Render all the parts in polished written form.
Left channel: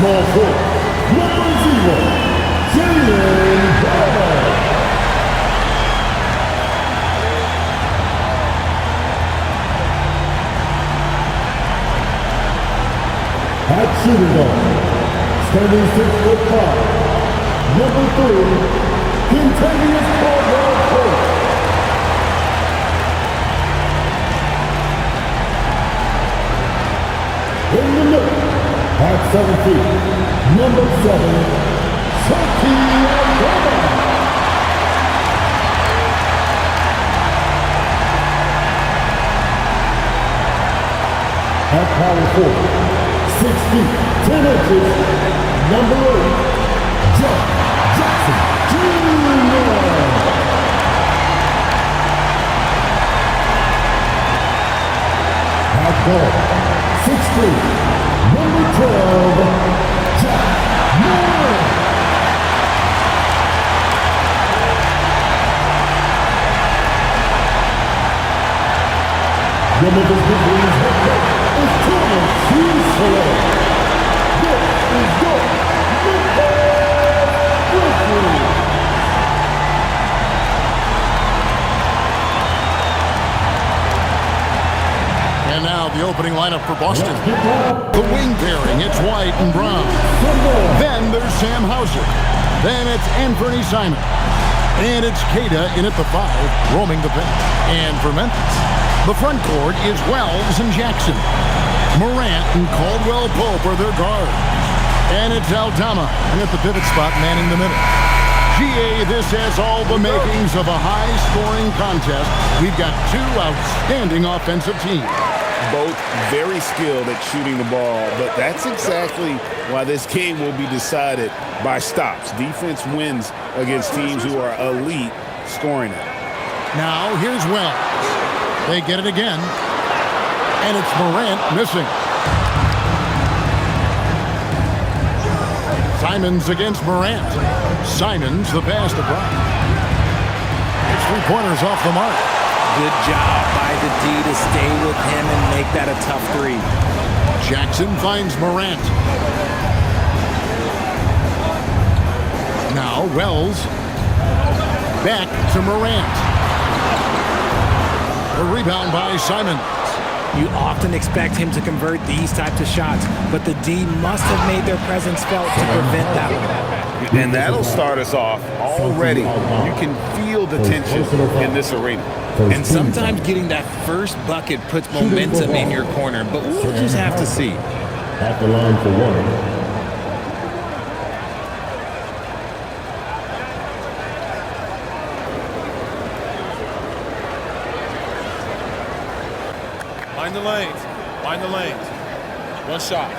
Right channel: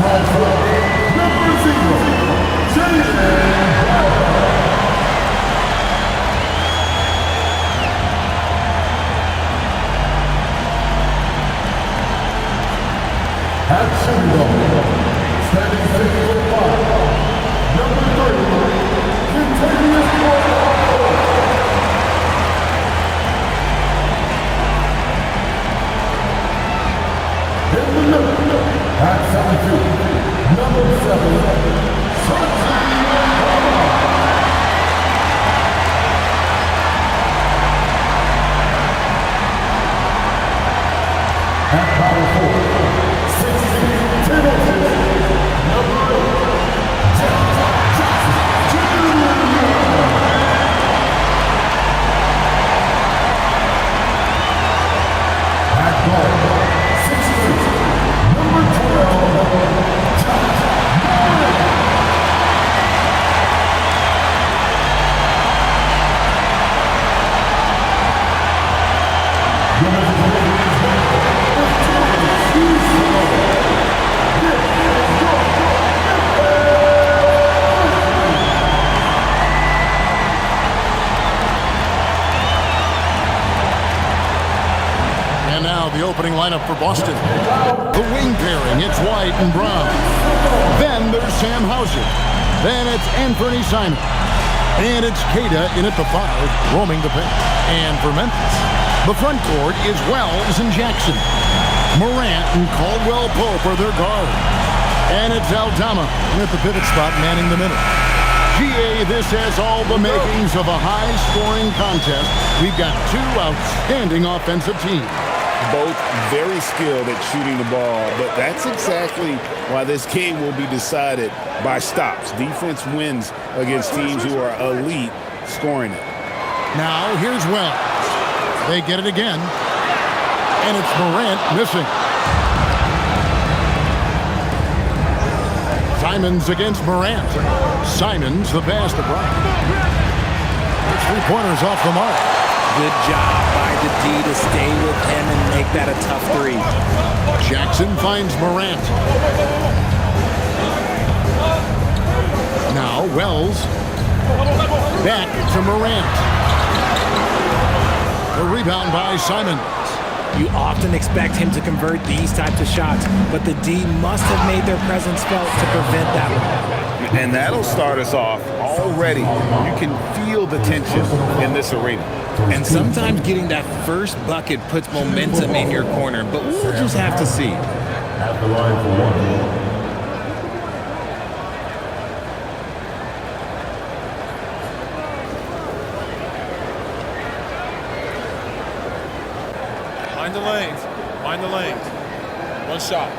Small forward, number 0, Jalen Brown. At shooting guard, standing 6'5", number 3, Katangos Coach. In the middle, at 7 feet, number 7, Katangos. At power forward, 6 feet, 10 inches, number 8, Jackson Jr. At guard, 6'3", number 12, Josh Moore. The Memphis Grizzlies is tournament series forever. This is your Memphis Grizzlies. And now the opening lineup for Boston. The wing pairing, it's White and Brown. Then there's Sam Hauser. Then it's Anthony Simon. And it's Kata in at the 5, roaming the paint. And for Memphis, the front court is Wells and Jackson. Morant and Caldwell Pope are their guards. And it's Aldama in at the pivot spot, manning the middle. GA, this has all the makings of a high-scoring contest. We've got 2 outstanding offensive teams. Both very skilled at shooting the ball, but that's exactly why this game will be decided by stops. Defense wins against teams who are elite scoring it. Now here's Wells. They get it again, and it's Morant missing. Simons against Morant. Simons the pass to Brown. It's 3-pointers off the mark. Good job by the D to stay with him and make that a tough 3. Jackson finds Morant. Now Wells. Back to Morant. The rebound by Simons. You often expect him to convert these types of shots, but the D must have made their presence felt to prevent that one. And that'll start us off already. You can feel the tension in this arena. And sometimes getting that first bucket puts momentum in your corner, but we'll just have to see. At the line for 1. Mind the lanes. Mind the lanes. One shot.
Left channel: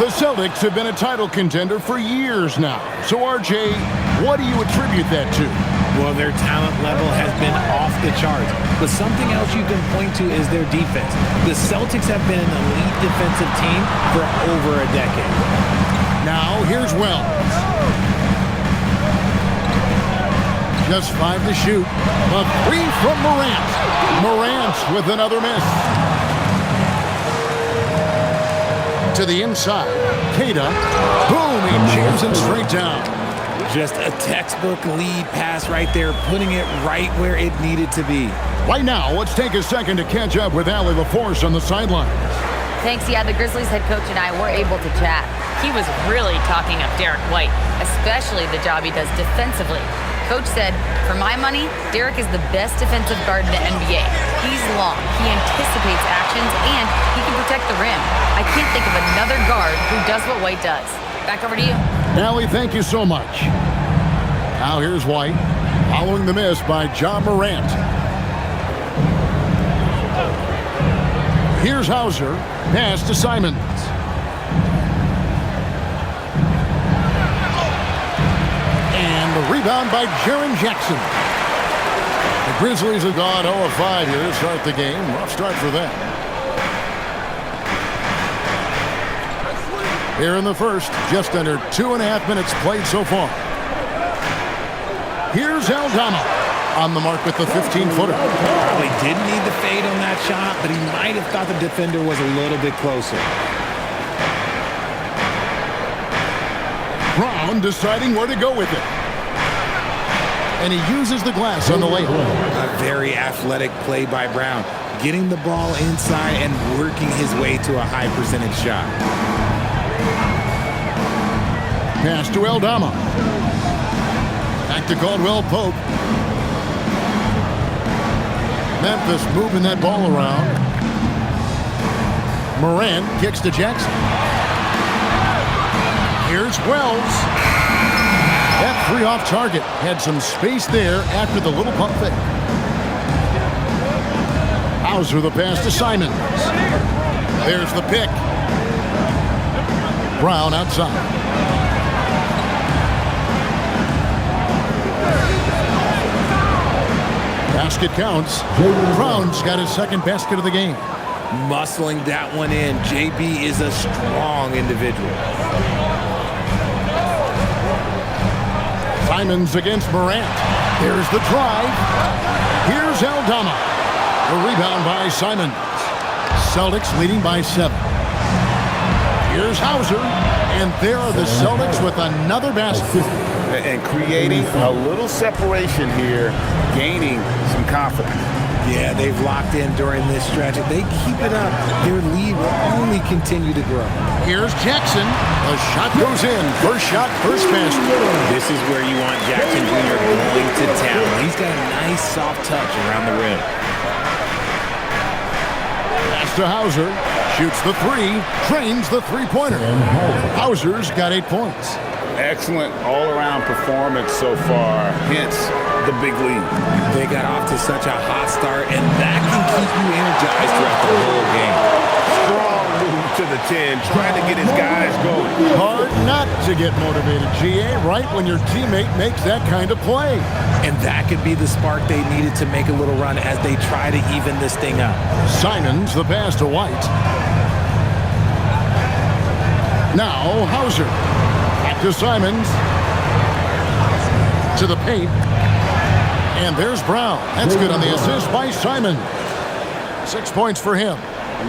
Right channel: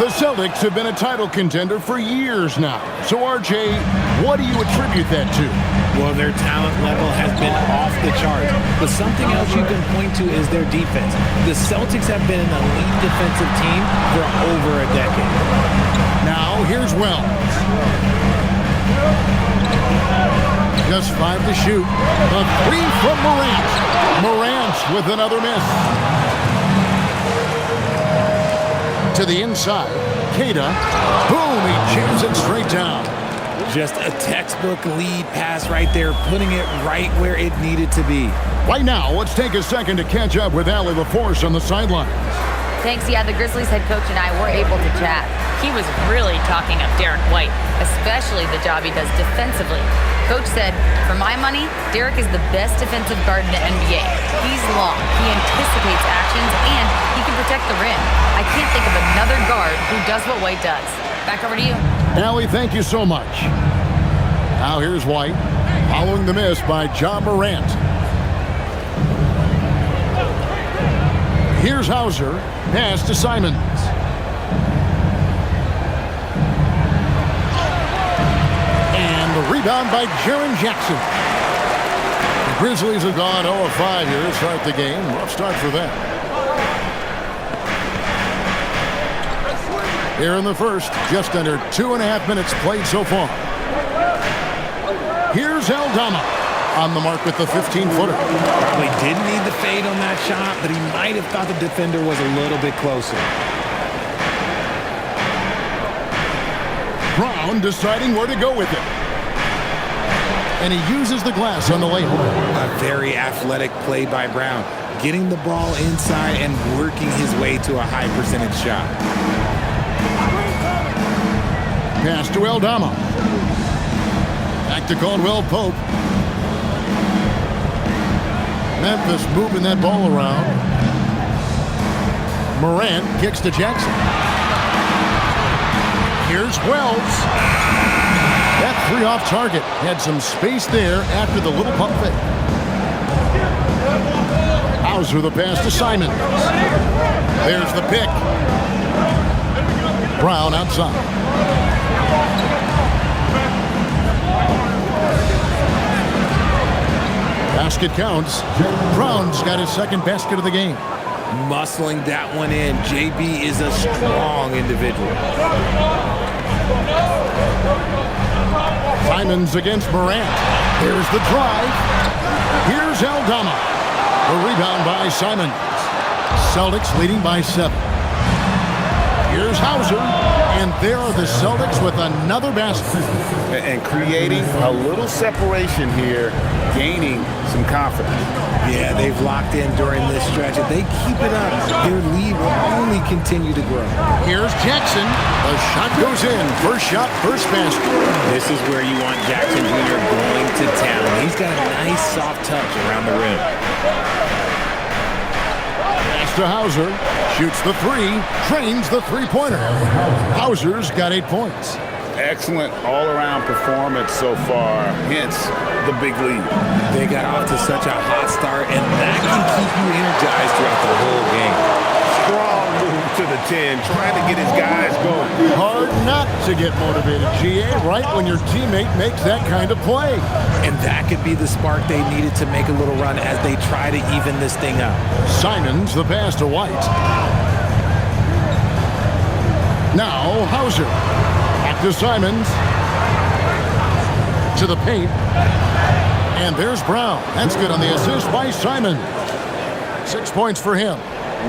The Celtics have been a title contender for years now. So, RJ, what do you attribute that to? Well, their talent level has been off the charts, but something else you can point to is their defense. The Celtics have been an elite defensive team for over a decade. Now, here's Wells. Just 5 to shoot. The 3 from Morant. Morant with another miss. To the inside. Kata. Boom, he jams it straight down. Just a textbook lead pass right there, putting it right where it needed to be. Right now, let's take a second to catch up with Allie LaForce on the sidelines. Thanks. Yeah, the Grizzlies head coach and I were able to chat. He was really talking up Derek White, especially the job he does defensively. Coach said, for my money, Derek is the best defensive guard in the NBA. He's long, he anticipates actions, and he can protect the rim. I can't think of another guard who does what White does. Back over to you. Allie, thank you so much. Now here's White, following the miss by John Morant. Here's Hauser, pass to Simons. And the rebound by Jaren Jackson. The Grizzlies have gone 0 of 5 here to start the game. Rough start for them. Here in the first, just under 2.5 minutes played so far. Here's Aldama. on the mark with the 15-footer. Probably didn't need the fade on that shot, but he might have thought the defender was a little bit closer. Brown deciding where to go with it. And he uses the glass on the layup. A very athletic play by Brown, getting the ball inside and working his way to a high percentage shot. Pass to Aldama. Back to Caldwell Pope. Memphis moving that ball around. Morant kicks to Jackson. Here's Wells. That three off target. Had some space there after the little pump fake. Hauser the pass to Simons. There's the pick. Brown outside. Basket counts. Brown's got his second basket of the game. Muscling that one in. JB is a strong individual. Simons against Morant. Here's the drive. Here's Aldama. A rebound by Simons. Celtics leading by 7. Here's Hauser. And there are the Celtics with another basket. And creating a little separation here, gaining some confidence. Yeah, they've locked in during this stretch. If they keep it up, their lead will only continue to grow. Here's Jackson. The shot goes in. First shot, first basket. This is where you want Jackson Jr. going to town. He's got a nice soft touch around the rim. Pass to Hauser. Shoots the three. Drains the three-pointer. Hauser's got 8 points. Excellent all-around performance so far, hence the big lead. They got off to such a hot start, and that can keep you energized throughout the whole game. Strong move to the 10, trying to get his guys going. Hard not to get motivated, GA, right when your teammate makes that kind of play. And that could be the spark they needed to make a little run as they try to even this thing up. Simons the pass to White. Now Hauser. Back to Simons. To the paint. And there's Brown. That's good on the assist by Simons. 6 points for him.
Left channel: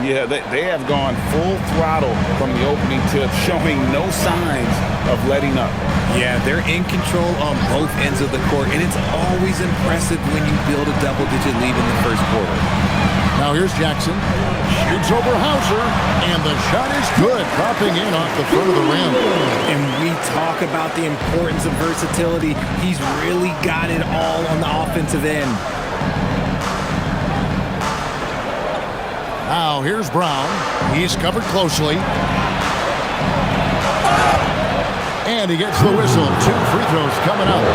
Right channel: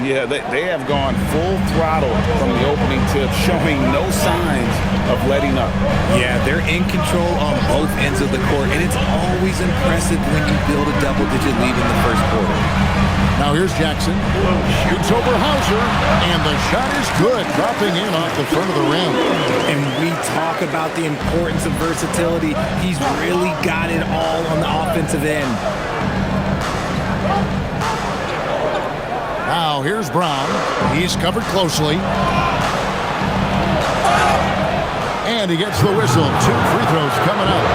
Yeah, they have gone full throttle from the opening tip, showing no signs of letting up. Yeah, they're in control on both ends of the court, and it's always impressive when you build a double-digit lead in the first quarter. Now here's Jackson. Shoots over Hauser, and the shot is good, dropping in off the front of the rim. And we talk about the importance of versatility. He's really got it all on the offensive end. Now here's Brown. He's covered closely. And he gets the whistle. 2 free throws coming up.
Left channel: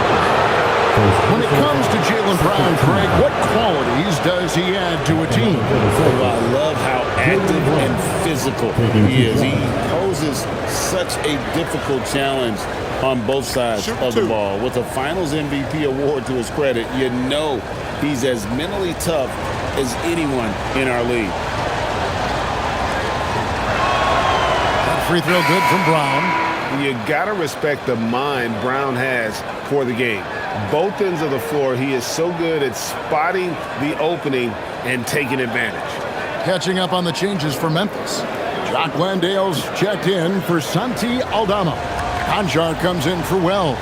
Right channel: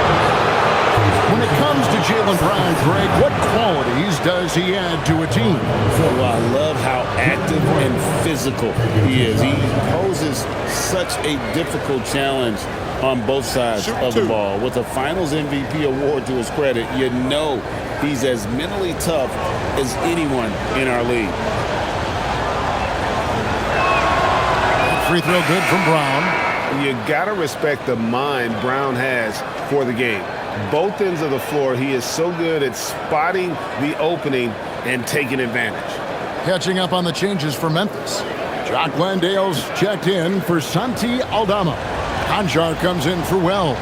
When it comes to Jaylen Brown, Craig, what qualities does he add to a team? Well, I love how active and physical he is. He poses such a difficult challenge on both sides of the ball. With a Finals MVP award to his credit, you know he's as mentally tough as anyone in our league. That free throw good from Brown. You got to respect the mind Brown has for the game. Both ends of the floor, he is so good at spotting the opening and taking advantage. Catching up on the changes for Memphis. Jock Landale's checked in for Santi Aldama. Conjar comes in for Wells.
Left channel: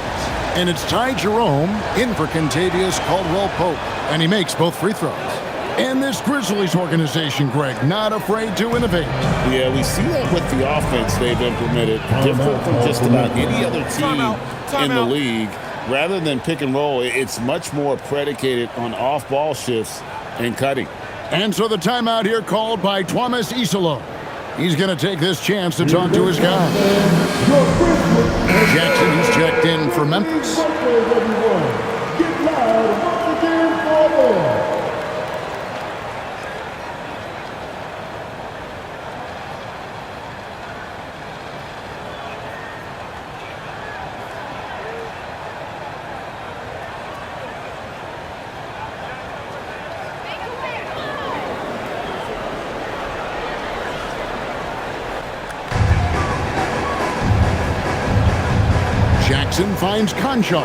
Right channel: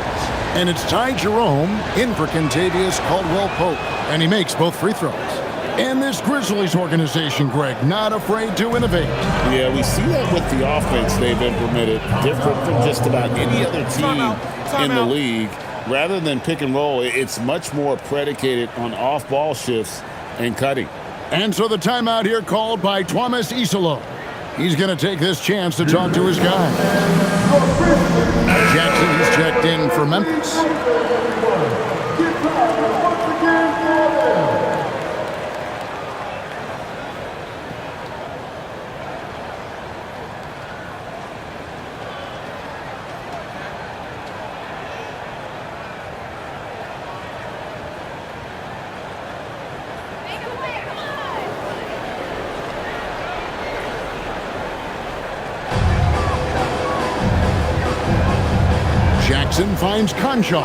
And it's Ty Jerome in for Kentavious Caldwell-Pope. And he makes both free throws. And this Grizzlies organization, Greg, not afraid to innovate. Yeah, we see that with the offense they've implemented. Different from just about any other team in the league. Rather than pick and roll, it's much more predicated on off-ball shifts and cutting. And so the timeout here called by Thomas Isolo. He's going to take this chance to talk to his guy. Jackson, he's checked in for Memphis. Jackson finds Conchar.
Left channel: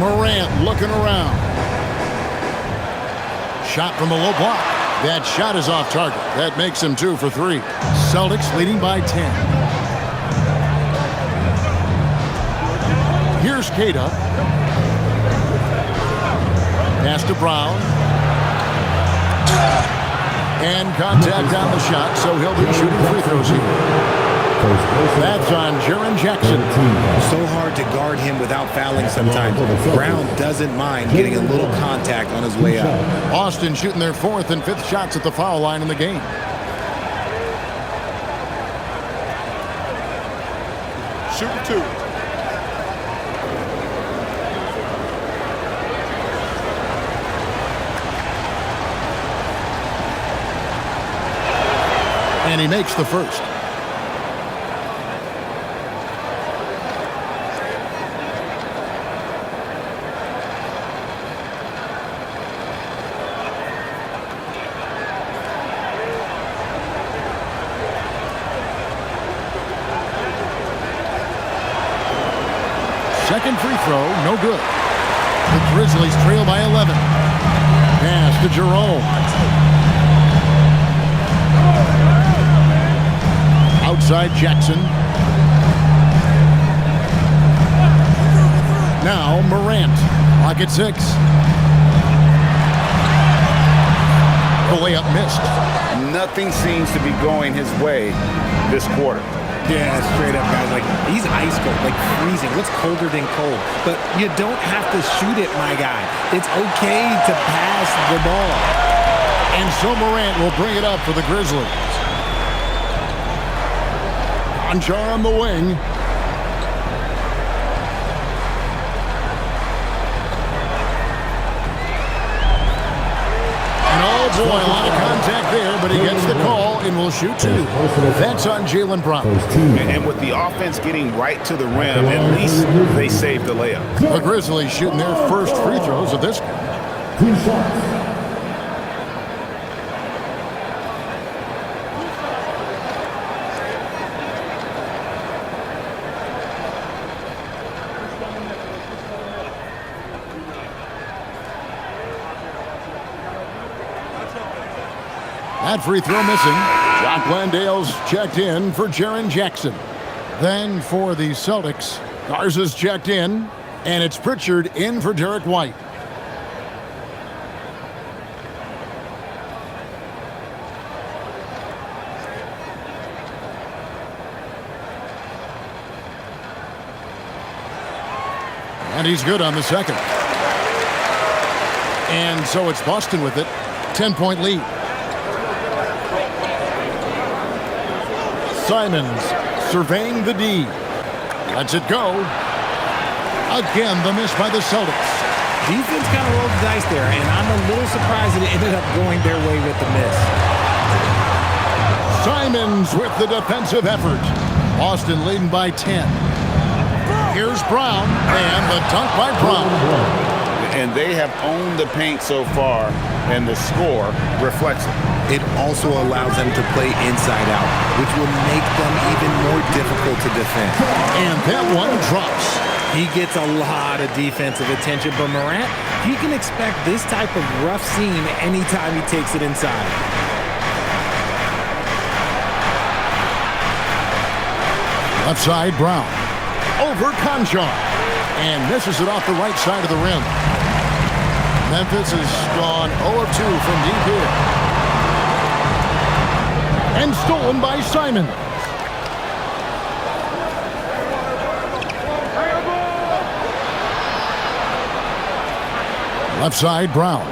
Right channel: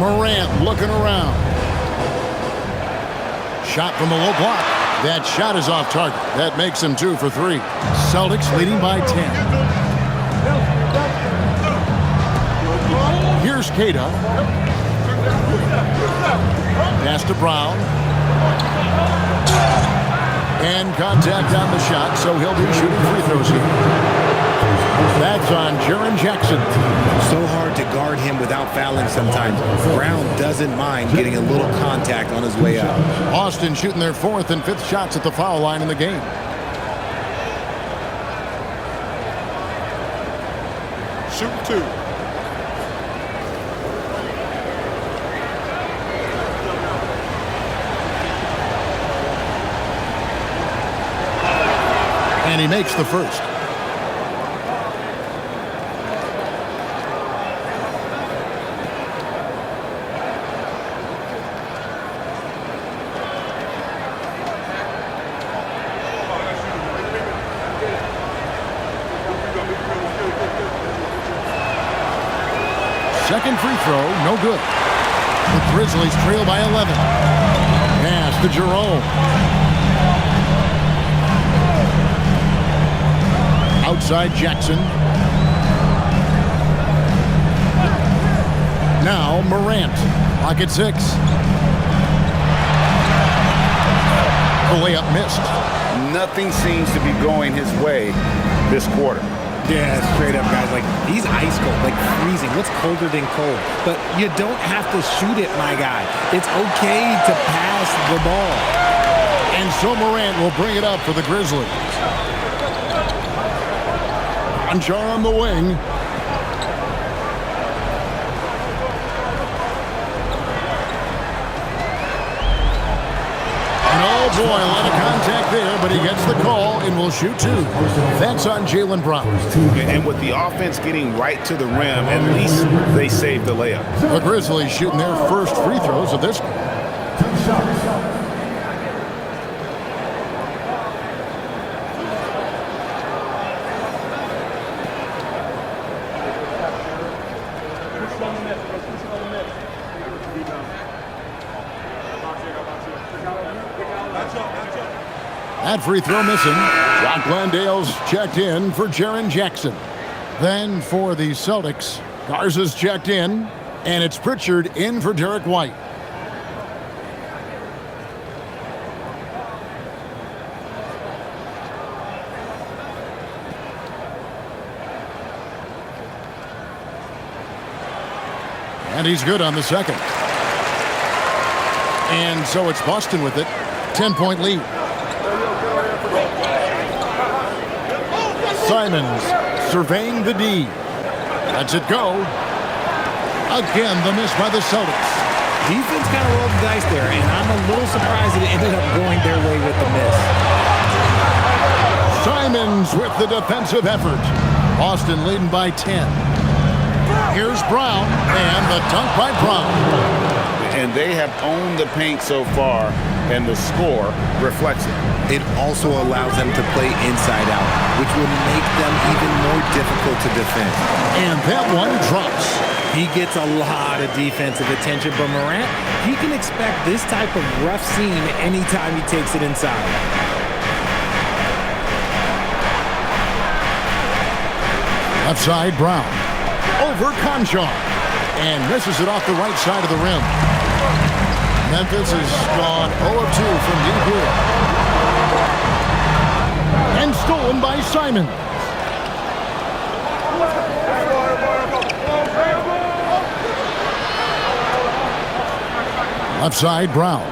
Morant looking around. Shot from the low block. That shot is off target. That makes him 2 for 3. Celtics leading by 10. Here's Kata. Pass to Brown. And contact on the shot, so he'll be shooting free throws here. That's on Jaren Jackson. So hard to guard him without fouling sometimes. Brown doesn't mind getting a little contact on his way up. Austin shooting their 4th and 5th shots at the foul line in the game. Shooting 2. And he makes the first. Second free throw, no good. The Grizzlies trail by 11. Pass to Jerome. Outside Jackson. Now Morant. Clock at 6. The layup missed. Nothing seems to be going his way this quarter. Yeah, straight up, guys. Like, he's ice cold, like freezing. What's colder than cold? But you don't have to shoot it, my guy. It's okay to pass the ball. And so Morant will bring it up for the Grizzlies. Conchar on the wing. And oh boy, a lot of contact there, but he gets the call and will shoot 2. That's on Jaylen Brown. And with the offense getting right to the rim, at least they saved the layup. The Grizzlies shooting their first free throws of this game. 2 shots. That free throw missing. Jock Landale's checked in for Jaren Jackson. Then for the Celtics, Garza's checked in, and it's Pritchard in for Derek White. And he's good on the second. And so it's Boston with it. 10-point lead. Simons surveying the D. Lets it go. Again, the miss by the Celtics. Defense kind of rolled the dice there, and I'm a little surprised that it ended up going their way with the miss. Simons with the defensive effort. Boston leading by 10. Here's Brown, and the dunk by Brown. And they have owned the paint so far, and the score reflects it. It also allows them to play inside out, which will make them even more difficult to defend. And that one drops. He gets a lot of defensive attention, but Morant, he can expect this type of rough scene anytime he takes it inside. Left side, Brown. Over Conchar. And misses it off the right side of the rim. Memphis has gone 0 of 2 from deep here. And stolen by Simons. Left side, Brown.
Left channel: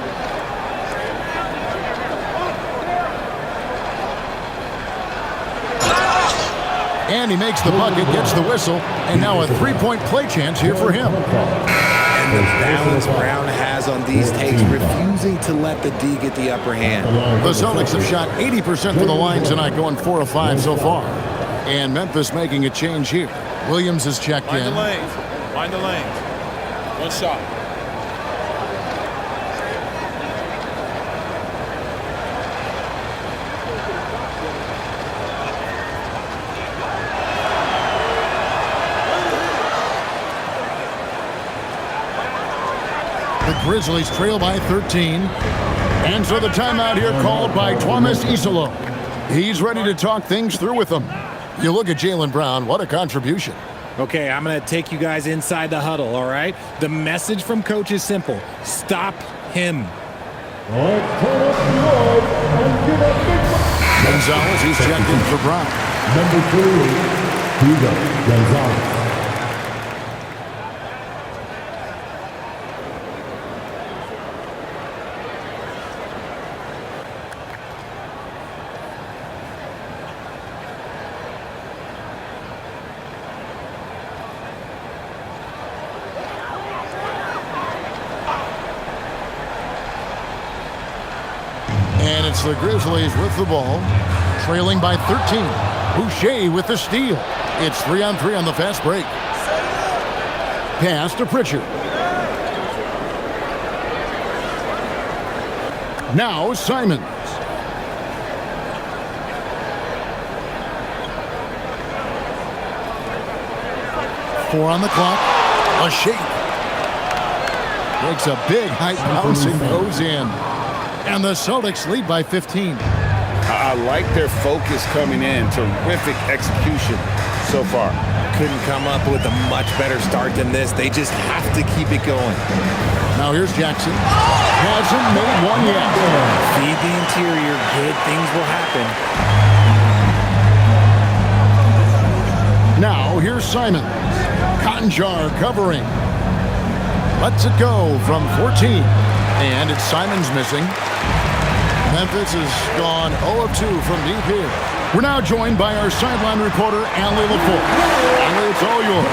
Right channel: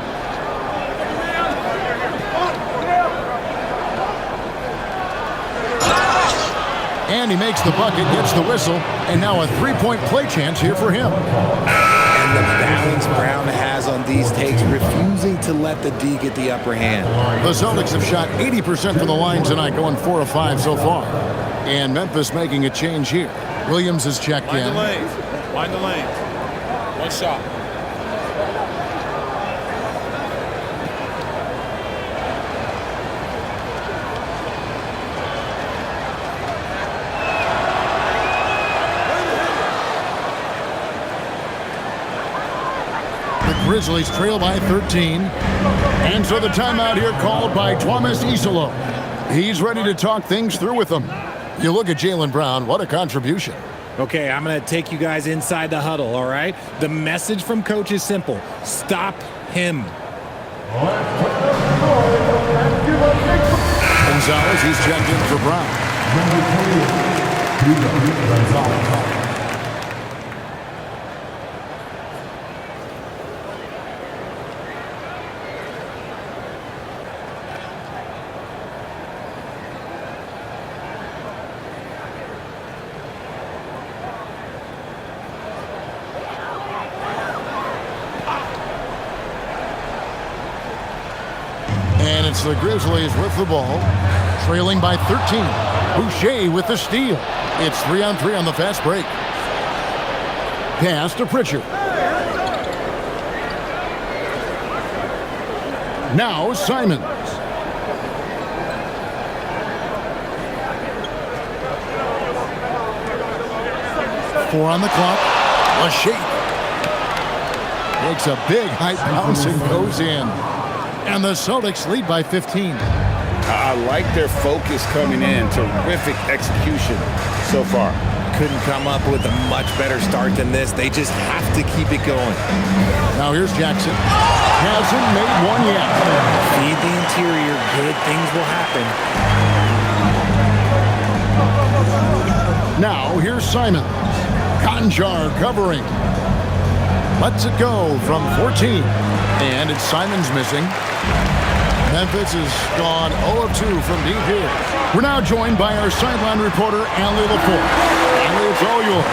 And he makes the bucket, gets the whistle, and now a three-point play chance here for him. And the balance Brown has on these takes, refusing to let the D get the upper hand. The Celtics have shot 80% from the line tonight, going 4 of 5 so far. And Memphis making a change here. Williams is checked in. Mind the lanes. Mind the lanes. One shot. Grizzlies trail by 13. And so the timeout here called by Thomas Isolo. He's ready to talk things through with them. You look at Jaylen Brown, what a contribution. Okay, I'm going to take you guys inside the huddle, all right? The message from coach is simple. Stop him. Let's turn up the noise and give a big... Gonzalez, he's checked in for Brown. Number 3, Hugo Gonzalez. And it's the Grizzlies with the ball, trailing by 13. Boucher with the steal. It's 3-on-3 on the fast break. Pass to Pritchard. Now Simons. Four on the clock. A shake. Makes a big high bounce and goes in. And the Celtics lead by 15. I like their focus coming in. Terrific execution so far. Couldn't come up with a much better start than this. They just have to keep it going. Now here's Jackson. Hasn't made one yet. Feed the interior. Good things will happen. Now here's Simons. Cotton jar covering. Lets it go from 14. And it's Simons missing. Memphis has gone 0 of 2 from deep here. We're now joined by our sideline reporter, Allie LaForce. Allie, it's all yours.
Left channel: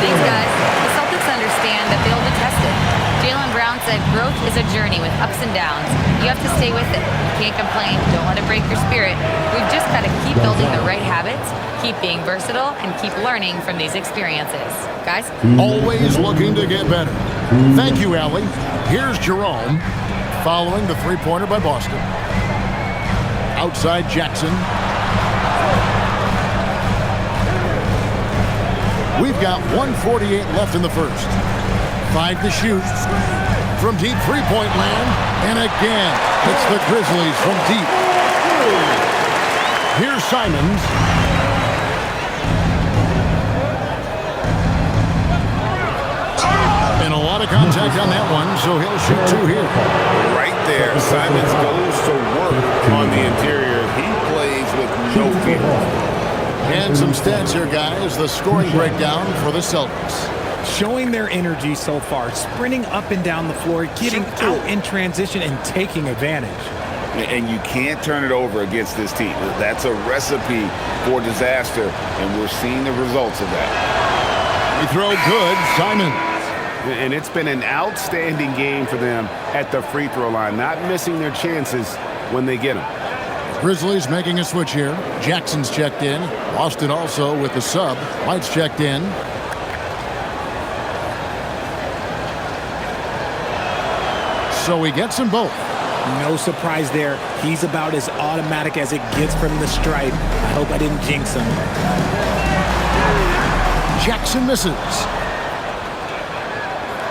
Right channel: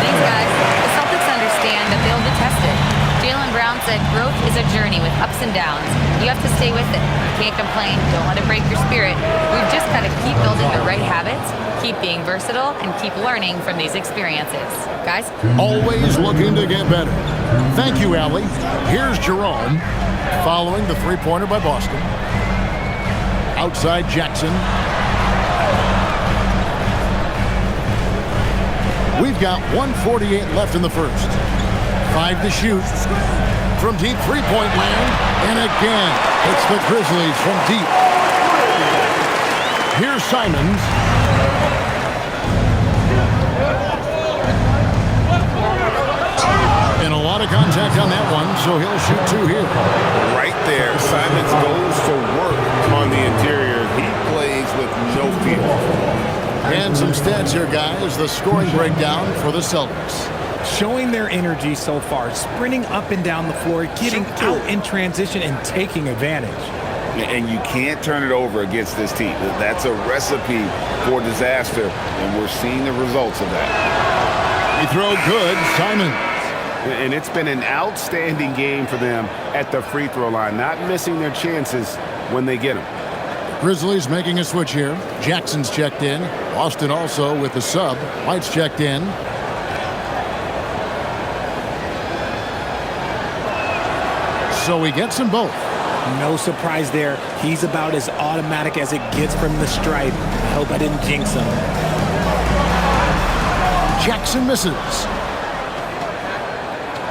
Thanks, guys. The Celtics understand that they'll be tested. Jaylen Brown said growth is a journey with ups and downs. You have to stay with it. You can't complain. Don't let it break your spirit. We've just got to keep building the right habits, keep being versatile, and keep learning from these experiences. Guys? Always looking to get better. Thank you, Allie. Here's Jerome. Following the three-pointer by Boston. Outside Jackson. We've got 1:48 left in the first. 5 to shoot. From deep three-point land. And again, it's the Grizzlies from deep. Here's Simons. And a lot of contact on that one, so he'll shoot 2 here. Right there, Simons goes to work on the interior. He plays with no fear. And some stats here, guys. The scoring breakdown for the Celtics. Showing their energy so far, sprinting up and down the floor, getting out in transition and taking advantage. And you can't turn it over against this team. That's a recipe for disaster, and we're seeing the results of that. He throw good, Simons. And it's been an outstanding game for them at the free throw line, not missing their chances when they get them. Grizzlies making a switch here. Jackson's checked in. Boston also with the sub. White's checked in. So he gets them both. No surprise there. He's about as automatic as it gets from the stripe. I hope I didn't jinx him. Jackson misses.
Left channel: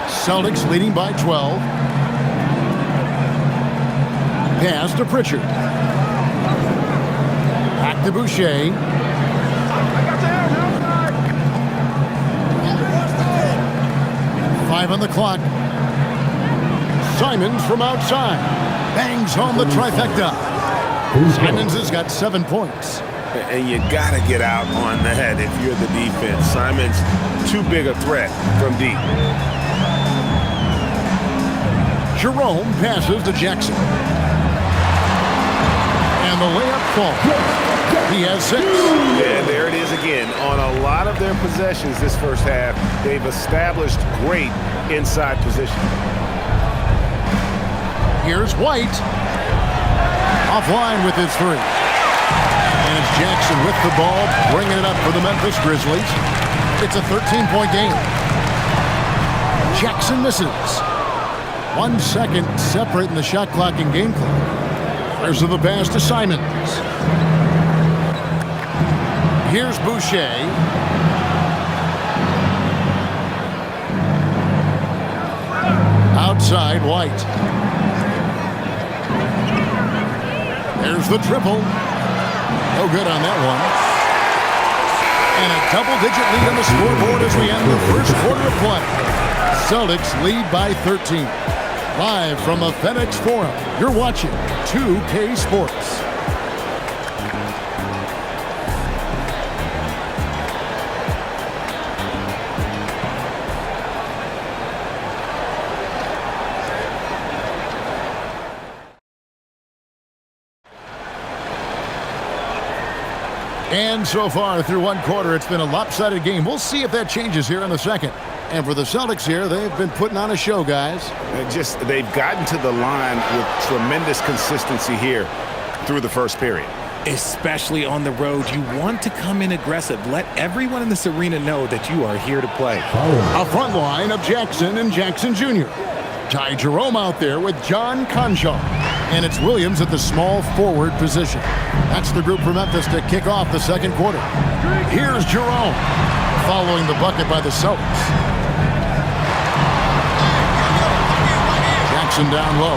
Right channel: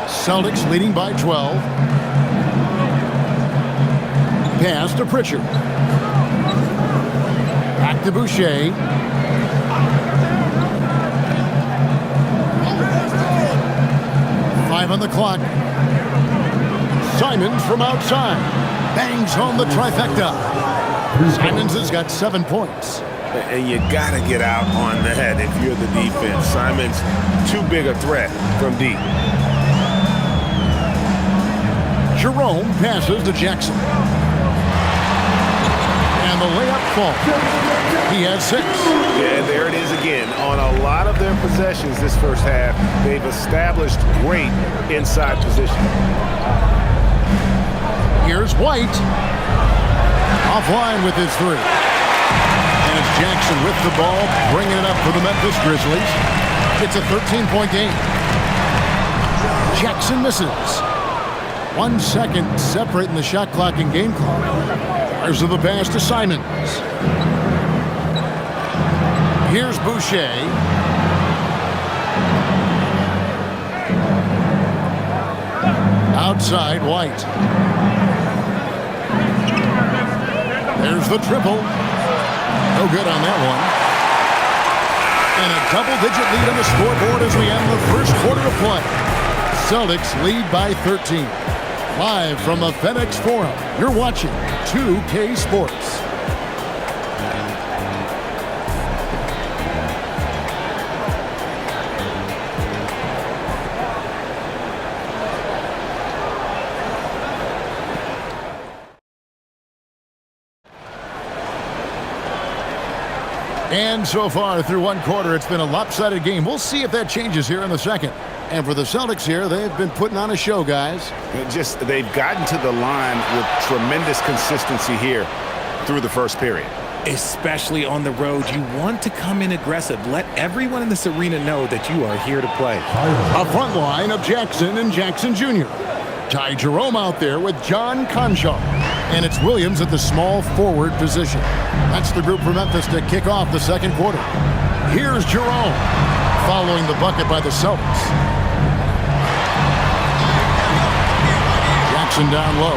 Celtics leading by 12. Pass to Pritchard. Back to Boucher. 5 on the clock. Simons from outside. Bangs home the trifecta. Simons has got 7 points. And you got to get out on that if you're the defense. Simons, too big a threat from deep. Jerome passes to Jackson. And the layup falls. He has 6. Yeah, and there it is again. On a lot of their possessions this first half, they've established great inside position. Here's White. Offline with his 3. And it's Jackson with the ball, bringing it up for the Memphis Grizzlies. It's a 13-point game. Jackson misses. 1 second separating the shot clock and game clock. There's the pass to Simons. Here's Boucher. Outside, White. There's the triple. No good on that one. And a double-digit lead on the scoreboard as we end the first quarter of play. Celtics lead by 13. Live from the FedEx Forum, you're watching 2K Sports. And so far through one quarter, it's been a lopsided game. We'll see if that changes here in the second. And for the Celtics here, they've been putting on a show, guys. They've gotten to the line with tremendous consistency here through the first period. Especially on the road, you want to come in aggressive. Let everyone in this arena know that you are here to play. A front line of Jackson and Jackson Jr. Ty Jerome out there with John Conchar. And it's Williams at the small forward position. That's the group for Memphis to kick off the second quarter. Here's Jerome, following the bucket by the Celtics. Jackson down low.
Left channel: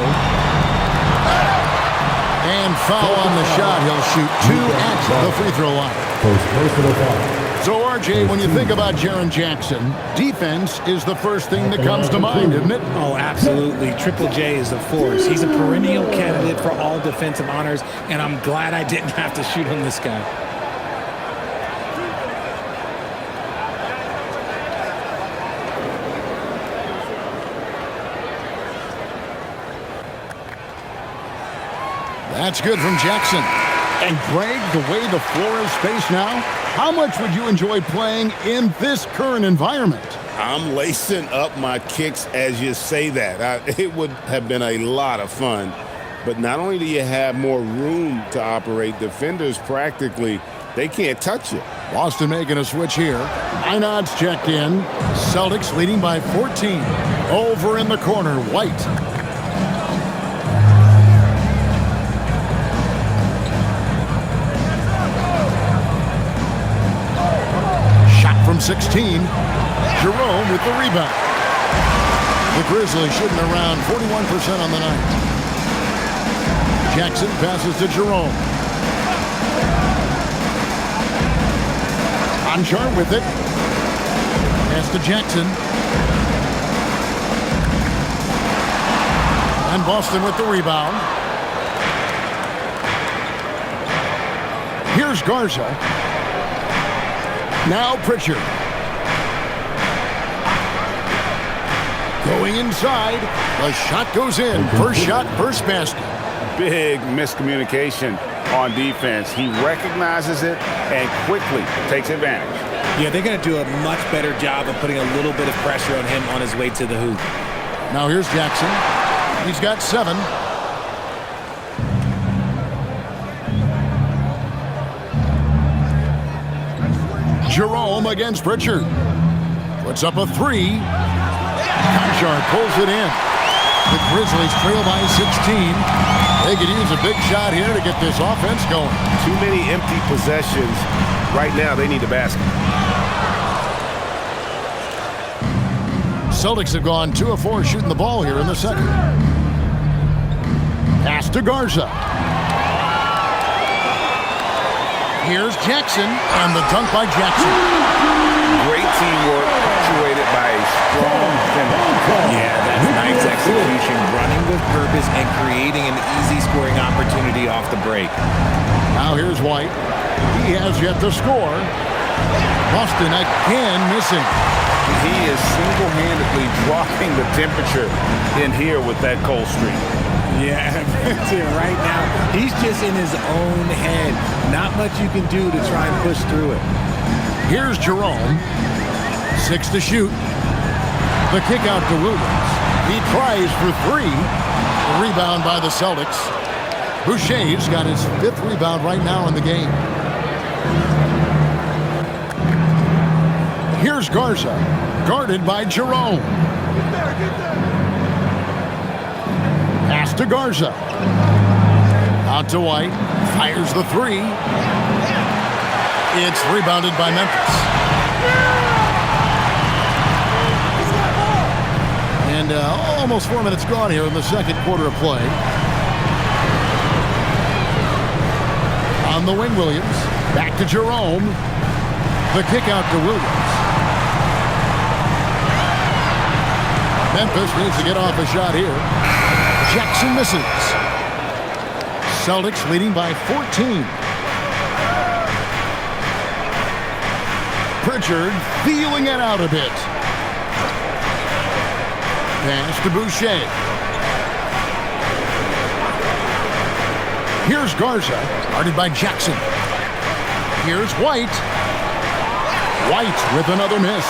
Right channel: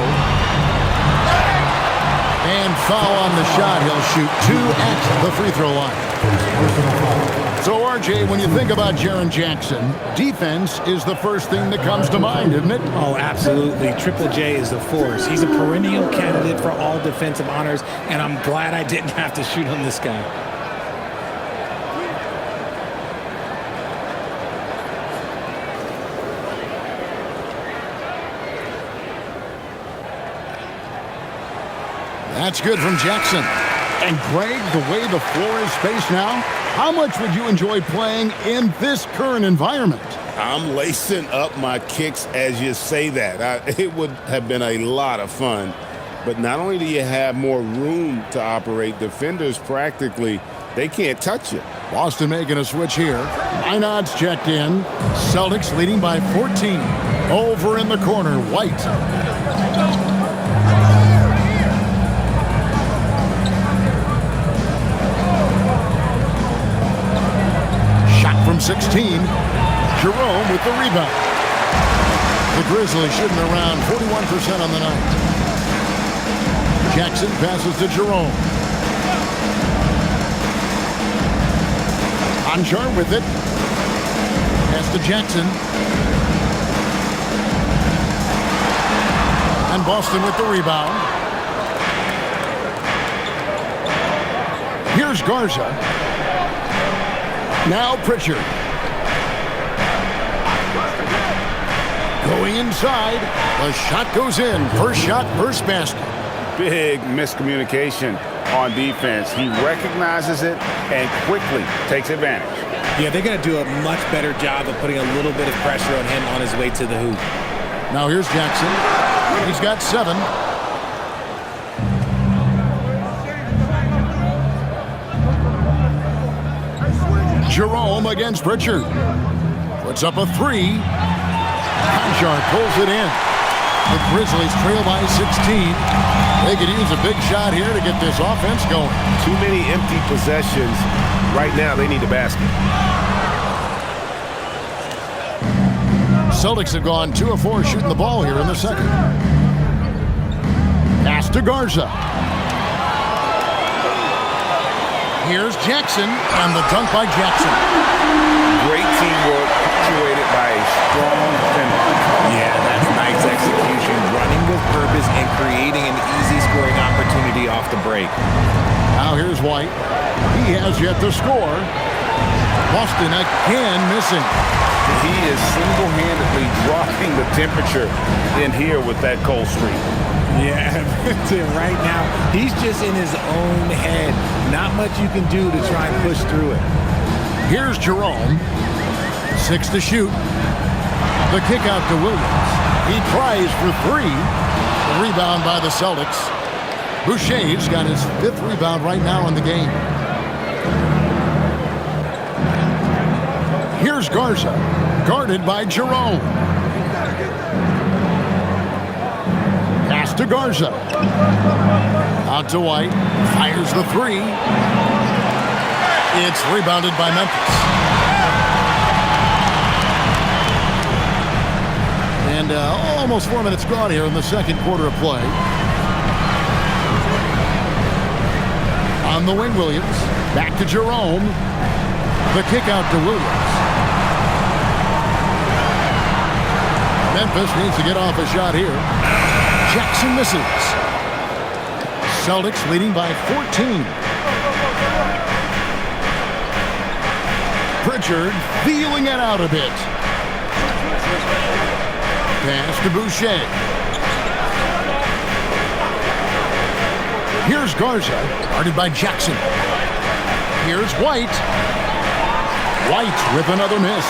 And foul on the shot. He'll shoot 2 at the free throw line. First personal foul. So, RJ, when you think about Jaren Jackson, defense is the first thing that comes to mind, isn't it? Oh, absolutely. Triple J is a force. He's a perennial candidate for all defensive honors, and I'm glad I didn't have to shoot on this guy. That's good from Jackson. And Greg, the way the floor is spaced now, how much would you enjoy playing in this current environment? I'm lacing up my kicks as you say that. It would have been a lot of fun. But not only do you have more room to operate, defenders practically, they can't touch you. Boston making a switch here. Minod's checked in. Celtics leading by 14. Over in the corner, White. From 16, Jerome with the rebound. The Grizzlies shooting around 41% on the night. Jackson passes to Jerome. Conchar with it. Pass to Jackson. And Boston with the rebound. Here's Garza. Now Pritchard. Going inside. The shot goes in. First shot, first basket. Big miscommunication on defense. He recognizes it and quickly takes advantage. Yeah, they're going to do a much better job of putting a little bit of pressure on him on his way to the hoop. Now here's Jackson. He's got 7. Jerome against Pritchard. Puts up a 3. Conchar pulls it in. The Grizzlies trail by 16. They could use a big shot here to get this offense going. Too many empty possessions. Right now, they need a basket. Celtics have gone 2 of 4 shooting the ball here in the second. Pass to Garza. Here's Jackson, and the dunk by Jackson. Great teamwork, punctuated by a strong finish. Yeah, that's nice execution, running with purpose and creating an easy scoring opportunity off the break. Now here's White. He has yet to score. Boston again missing. He is single-handedly dropping the temperature in here with that cold streak. Yeah, right now, he's just in his own head. Not much you can do to try and push through it. Here's Jerome. 6 to shoot. The kick out to Williams. He tries for 3. The rebound by the Celtics. Boucher's got his 5th rebound right now in the game. Here's Garza, guarded by Jerome. Pass to Garza. Out to White. Fires the 3. It's rebounded by Memphis. And almost 4 minutes gone here in the second quarter of play. On the wing, Williams. Back to Jerome. The kick out to Williams. Memphis needs to get off a shot here. Jackson misses. Celtics leading by 14. Pritchard feeling it out a bit. Pass to Boucher. Here's Garza, guarded by Jackson. Here's White. White with another miss.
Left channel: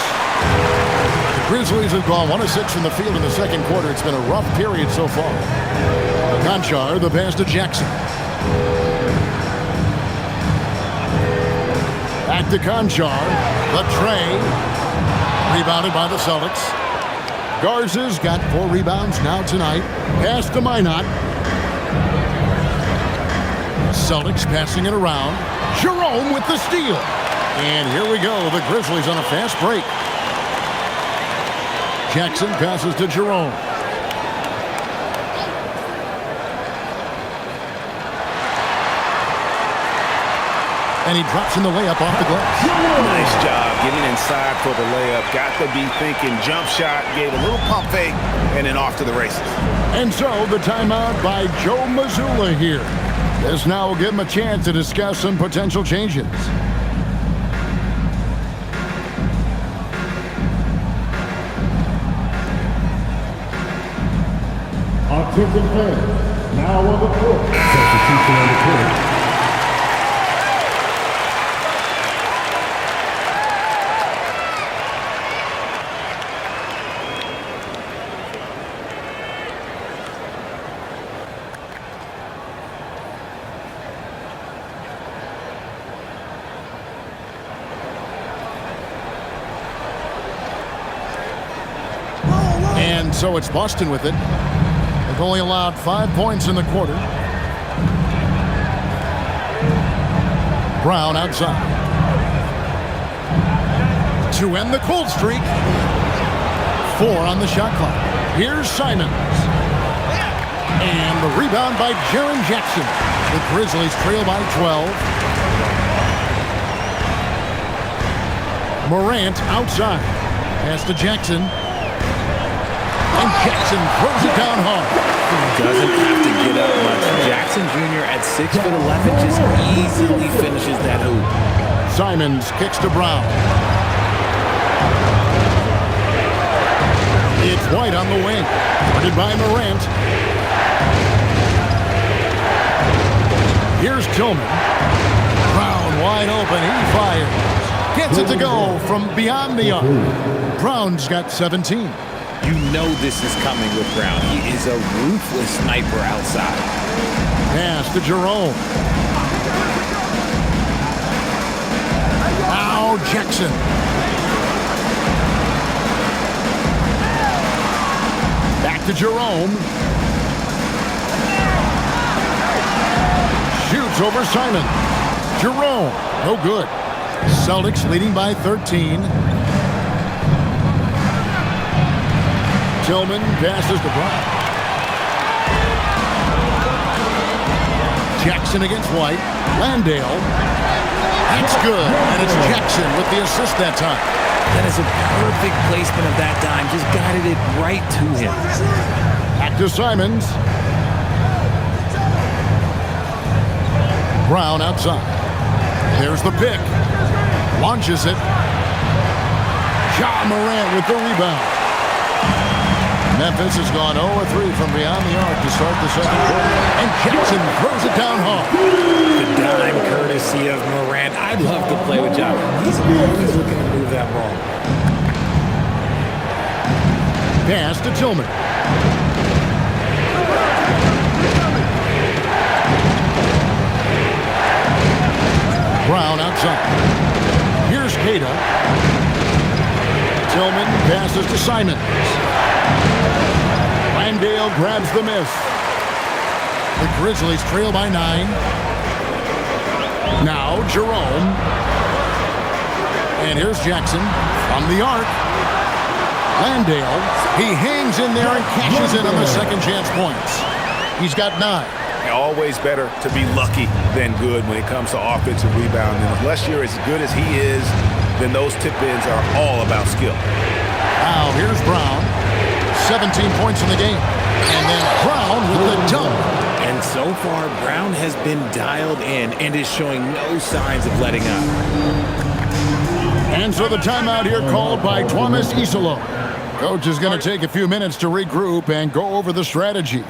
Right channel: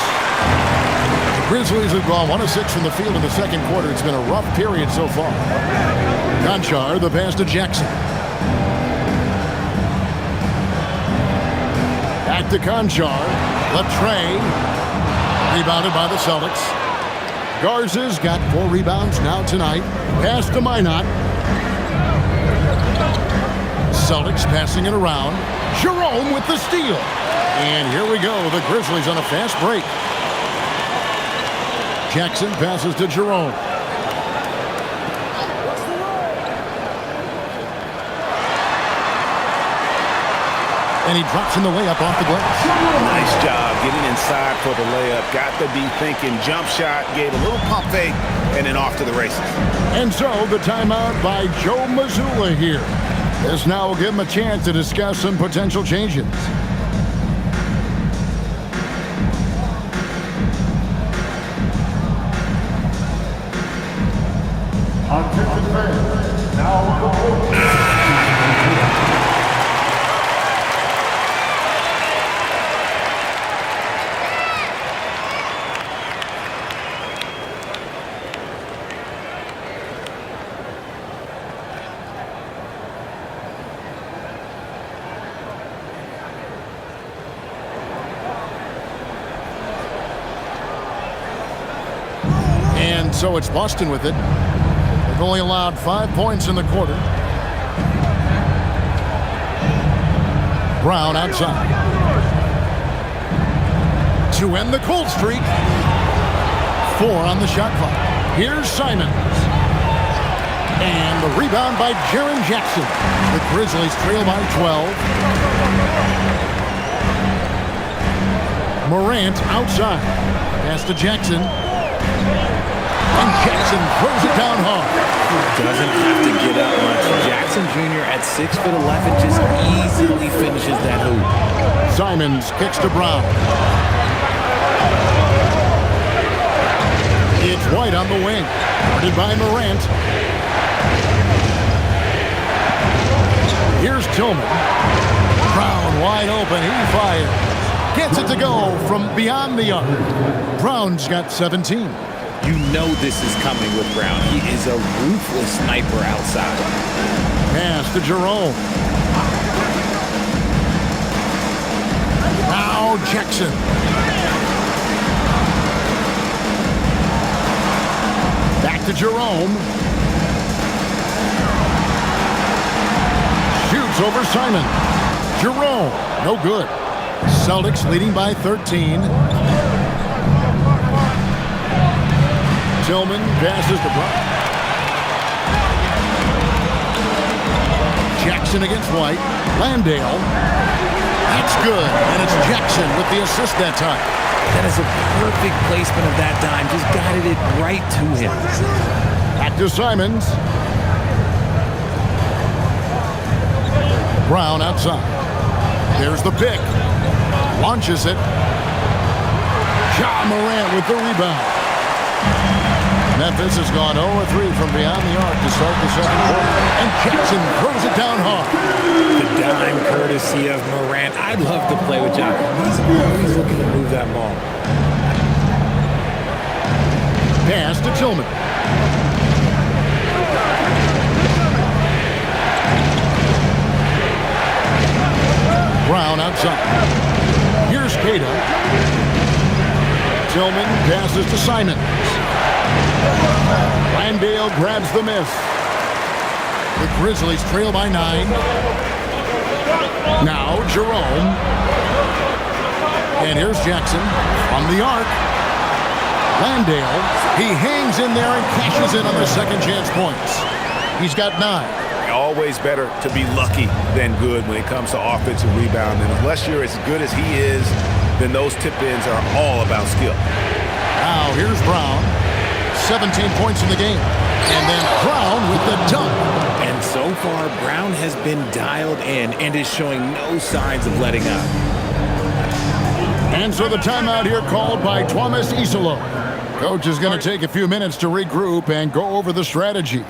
The Grizzlies have gone 1 of 6 from the field in the second quarter. It's been a rough period so far. Conchar, the pass to Jackson. Back to Conchar. The tray. Rebounded by the Celtics. Garza's got 4 rebounds now tonight. Pass to Minot. Celtics passing it around. Jerome with the steal. And here we go. The Grizzlies on a fast break. Jackson passes to Jerome. And he drops in the layup off the glass. Nice job getting inside for the layup. Got to be thinking jump shot, gave a little pump fake, and then off to the races. And so the timeout by Joe Mazzulla here. This now will give him a chance to discuss some potential changes. Attention fans, now on the court. Substitution on the court. And so it's Boston with it. They've only allowed 5 points in the quarter. Brown outside. To end the cold streak. 4 on the shot clock. Here's Simons. And the rebound by Jaren Jackson. The Grizzlies trail by 12. Morant outside. Pass to Jackson. And Jackson throws it down hard. Doesn't have to get up much. Jackson Jr. at 6'11" just easily finishes that hoop. Simons kicks to Brown. It's White on the wing. Guarded by Morant. Here's Tillman. Brown wide open. He fires. Gets it to go from beyond the arc. Brown's got 17. You know this is coming with Brown. He is a ruthless sniper outside. Pass to Jerome. Now Jackson. Back to Jerome. Shoots over Simon. Jerome, no good. Celtics leading by 13. Tillman passes to Brown. Jackson against White. Landale. That's good. And it's Jackson with the assist that time. That is a perfect placement of that dime. Just guided it right to him. Back to Simons. Brown outside. There's the pick. Launches it. Ja Morant with the rebound. Memphis has gone 0-3 from beyond the arc to start the second quarter. And Jackson throws it down hard. The dime courtesy of Morant. I'd love to play with John. He's always looking to move that ball. Pass to Tillman. Brown outside. Here's Kata. Tillman passes to Simons. Landale grabs the miss. The Grizzlies trail by 9. Now Jerome. And here's Jackson from the arc. Landale, he hangs in there and cashes in on the second chance points. He's got 9. Always better to be lucky than good when it comes to offensive rebounding. Unless you're as good as he is, then those tip-ins are all about skill. Now here's Brown. 17 points in the game. And then Brown with the dunk. And so far, Brown has been dialed in and is showing no signs of letting up. And so the timeout here called by Thomas Isolo. Coach is going to take a few minutes to regroup and go over the strategy.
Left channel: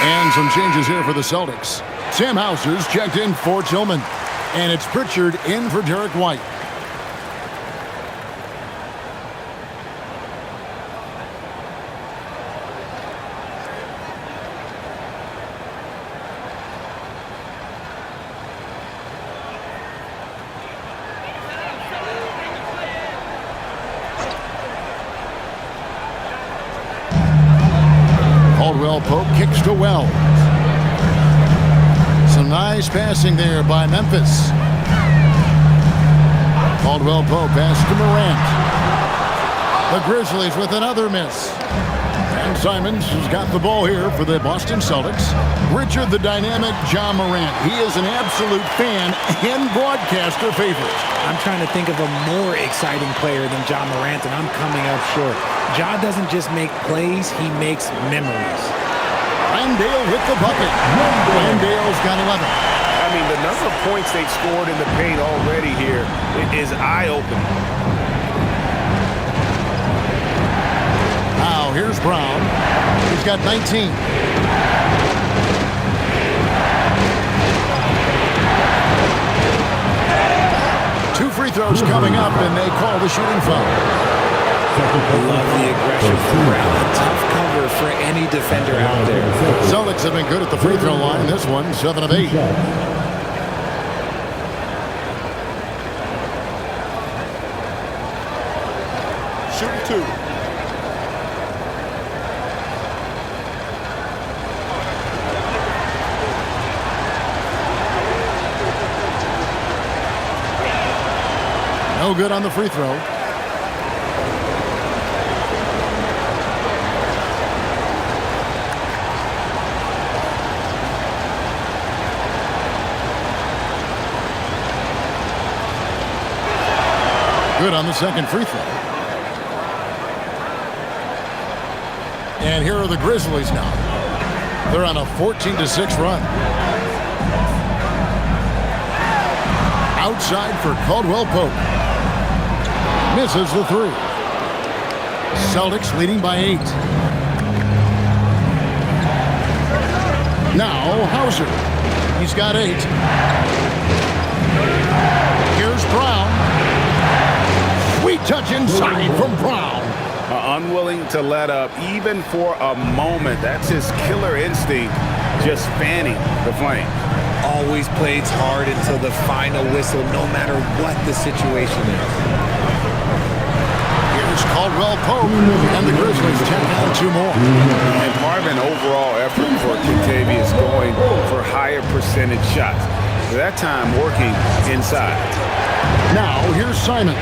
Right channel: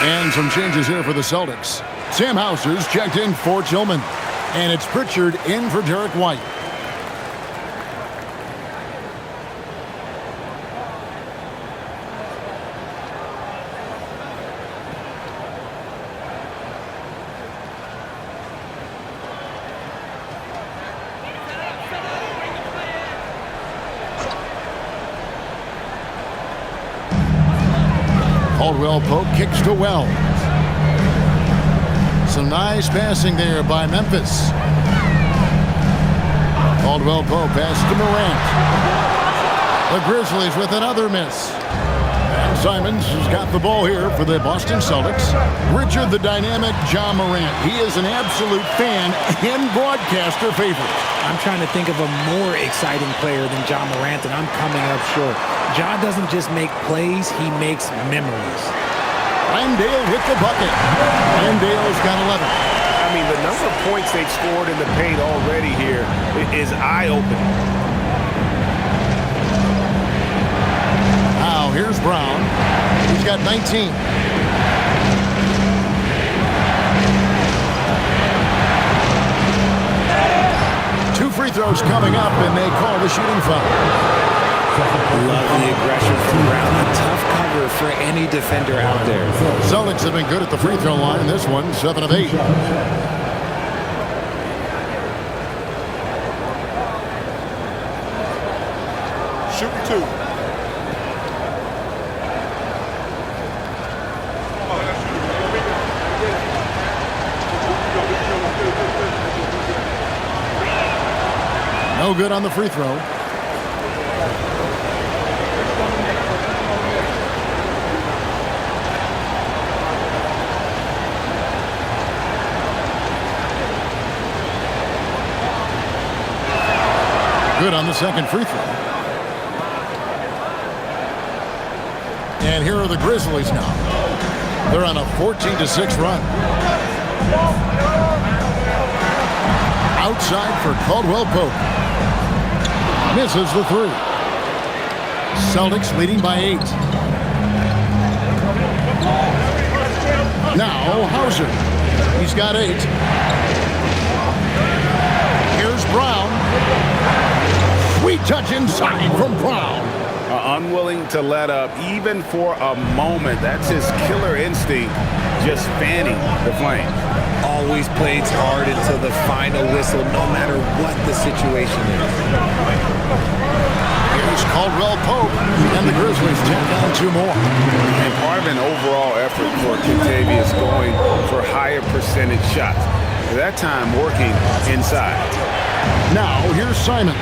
And some changes here for the Celtics. Sam Hauser's checked in for Tillman. And it's Pritchard in for Derek White. Caldwell Pope kicks to Wells. Some nice passing there by Memphis. Caldwell Pope pass to Morant. The Grizzlies with another miss. And Simons has got the ball here for the Boston Celtics. Richard the dynamic John Morant. He is an absolute fan and broadcaster favorite. I'm trying to think of a more exciting player than John Morant, and I'm coming up short. Ja doesn't just make plays, he makes memories. Landale with the bucket. Landale's got 11. I mean, the number of points they've scored in the paint already here is eye-opening. Now here's Brown. He's got 19. Two free throws coming up, and they call the shooting foul. Love the aggression from Brown. A tough cover for any defender out there. Celtics have been good at the free throw line. This one, 7 of 8. Shooting 2. No good on the free throw. Good on the second free throw. And here are the Grizzlies now. They're on a 14-6 run. Outside for Caldwell Pope. Misses the 3. Celtics leading by 8. Now Hauser. He's got 8. Here's Brown. Sweet touch inside from Brown. Unwilling to let up even for a moment. That's his killer instinct, just fanning the flame. Always plays hard until the final whistle, no matter what the situation is. Here's Caldwell Pope, and the Grizzlies tack on 2 more. And part of an overall effort for Kentavious going for higher percentage shots. That time working inside. Now here's Simons.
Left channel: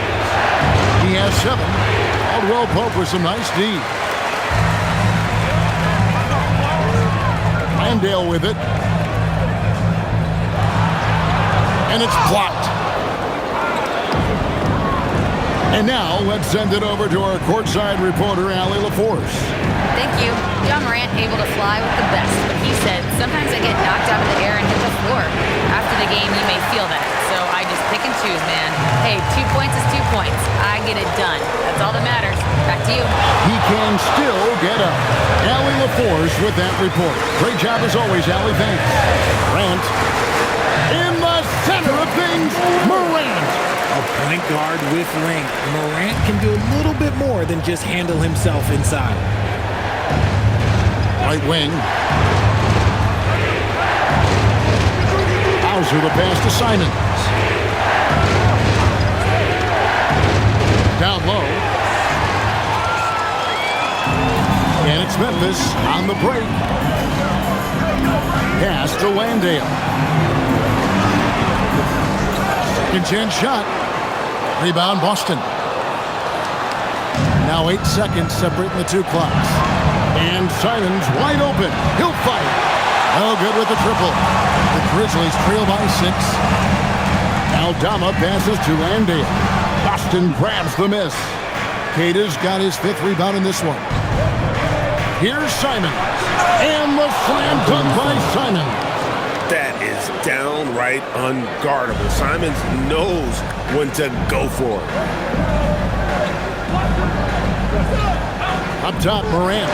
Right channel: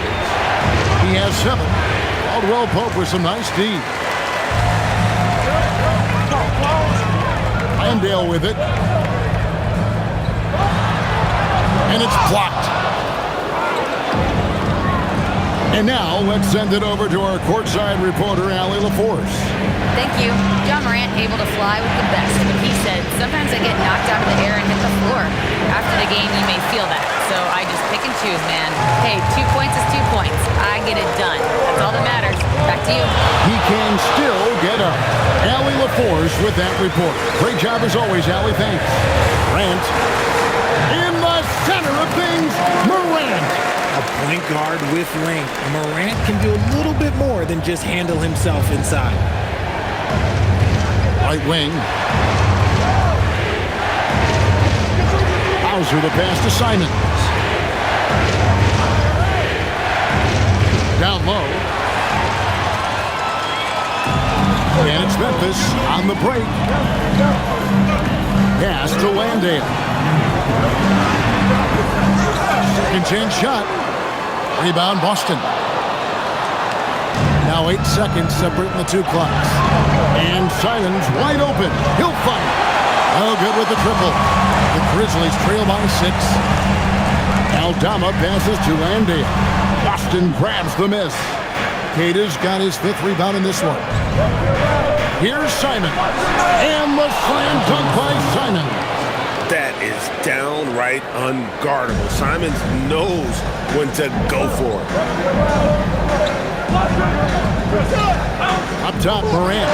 He has 7. Caldwell Pope with some nice D. Landale with it. And it's blocked. And now let's send it over to our courtside reporter, Allie LaForce. Thank you. John Morant able to fly with the best, but he said, sometimes I get knocked out of the air and hit the floor. After the game, you may feel that. So I just pick and choose, man. Hey, 2 points is 2 points. I get it done. That's all that matters. Back to you. He can still get up. Allie LaForce with that report. Great job as always, Allie. Thanks. Morant. In the center of things, Morant. A point guard with length. Morant can do a little bit more than just handle himself inside. Right wing. Hauser the pass to Simons. Down low. And it's Memphis on the break. Pass to Landale. Second chance shot. Rebound Boston. Now 8 seconds separating the two clocks. And Simons wide open. He'll fight. No good with the triple. The Grizzlies trail by 6. Aldama passes to Landale. Boston grabs the miss. Kata's got his 5th rebound in this one. Here's Simons. And the slam dunk by Simons. That is downright unguardable. Simons knows when to go for it. Up top, Morant.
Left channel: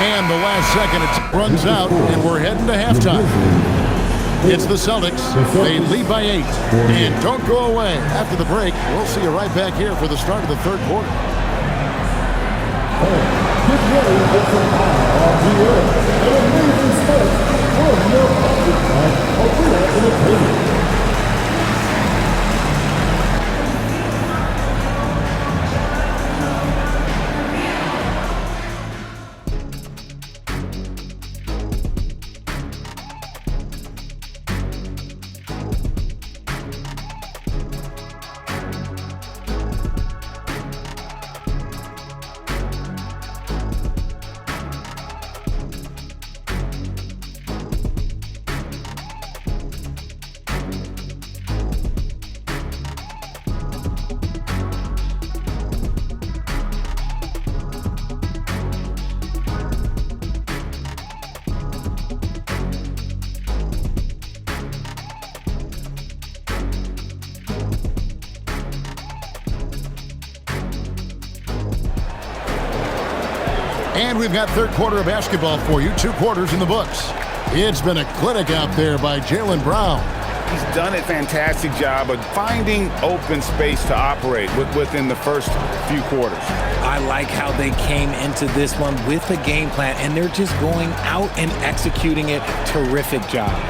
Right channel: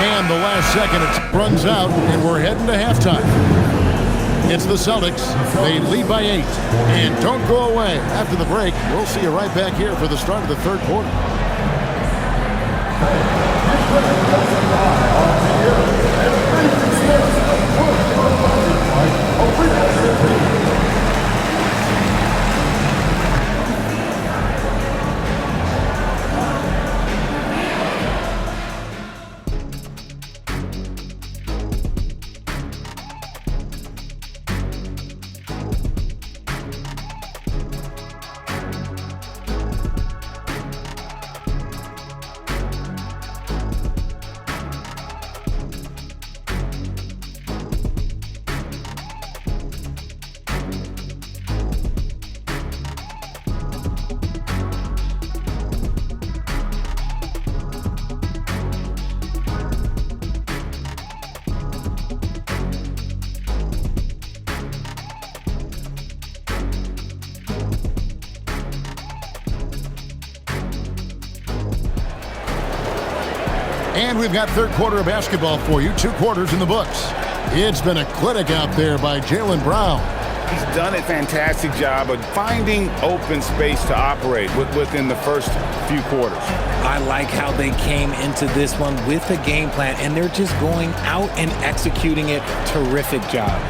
And the last second, it runs out, and we're heading to halftime. It's the Celtics. They lead by 8. And don't go away. After the break, we'll see you right back here for the start of the third quarter. Get ready for the live on the air. And amazing sports from your opponent at Arena Entertainment. And we've got third quarter of basketball for you. 2 quarters in the books. It's been a clinic out there by Jaylen Brown. He's done a fantastic job of finding open space to operate within the first few quarters. I like how they came into this one with a game plan, and they're just going out and executing it. Terrific job.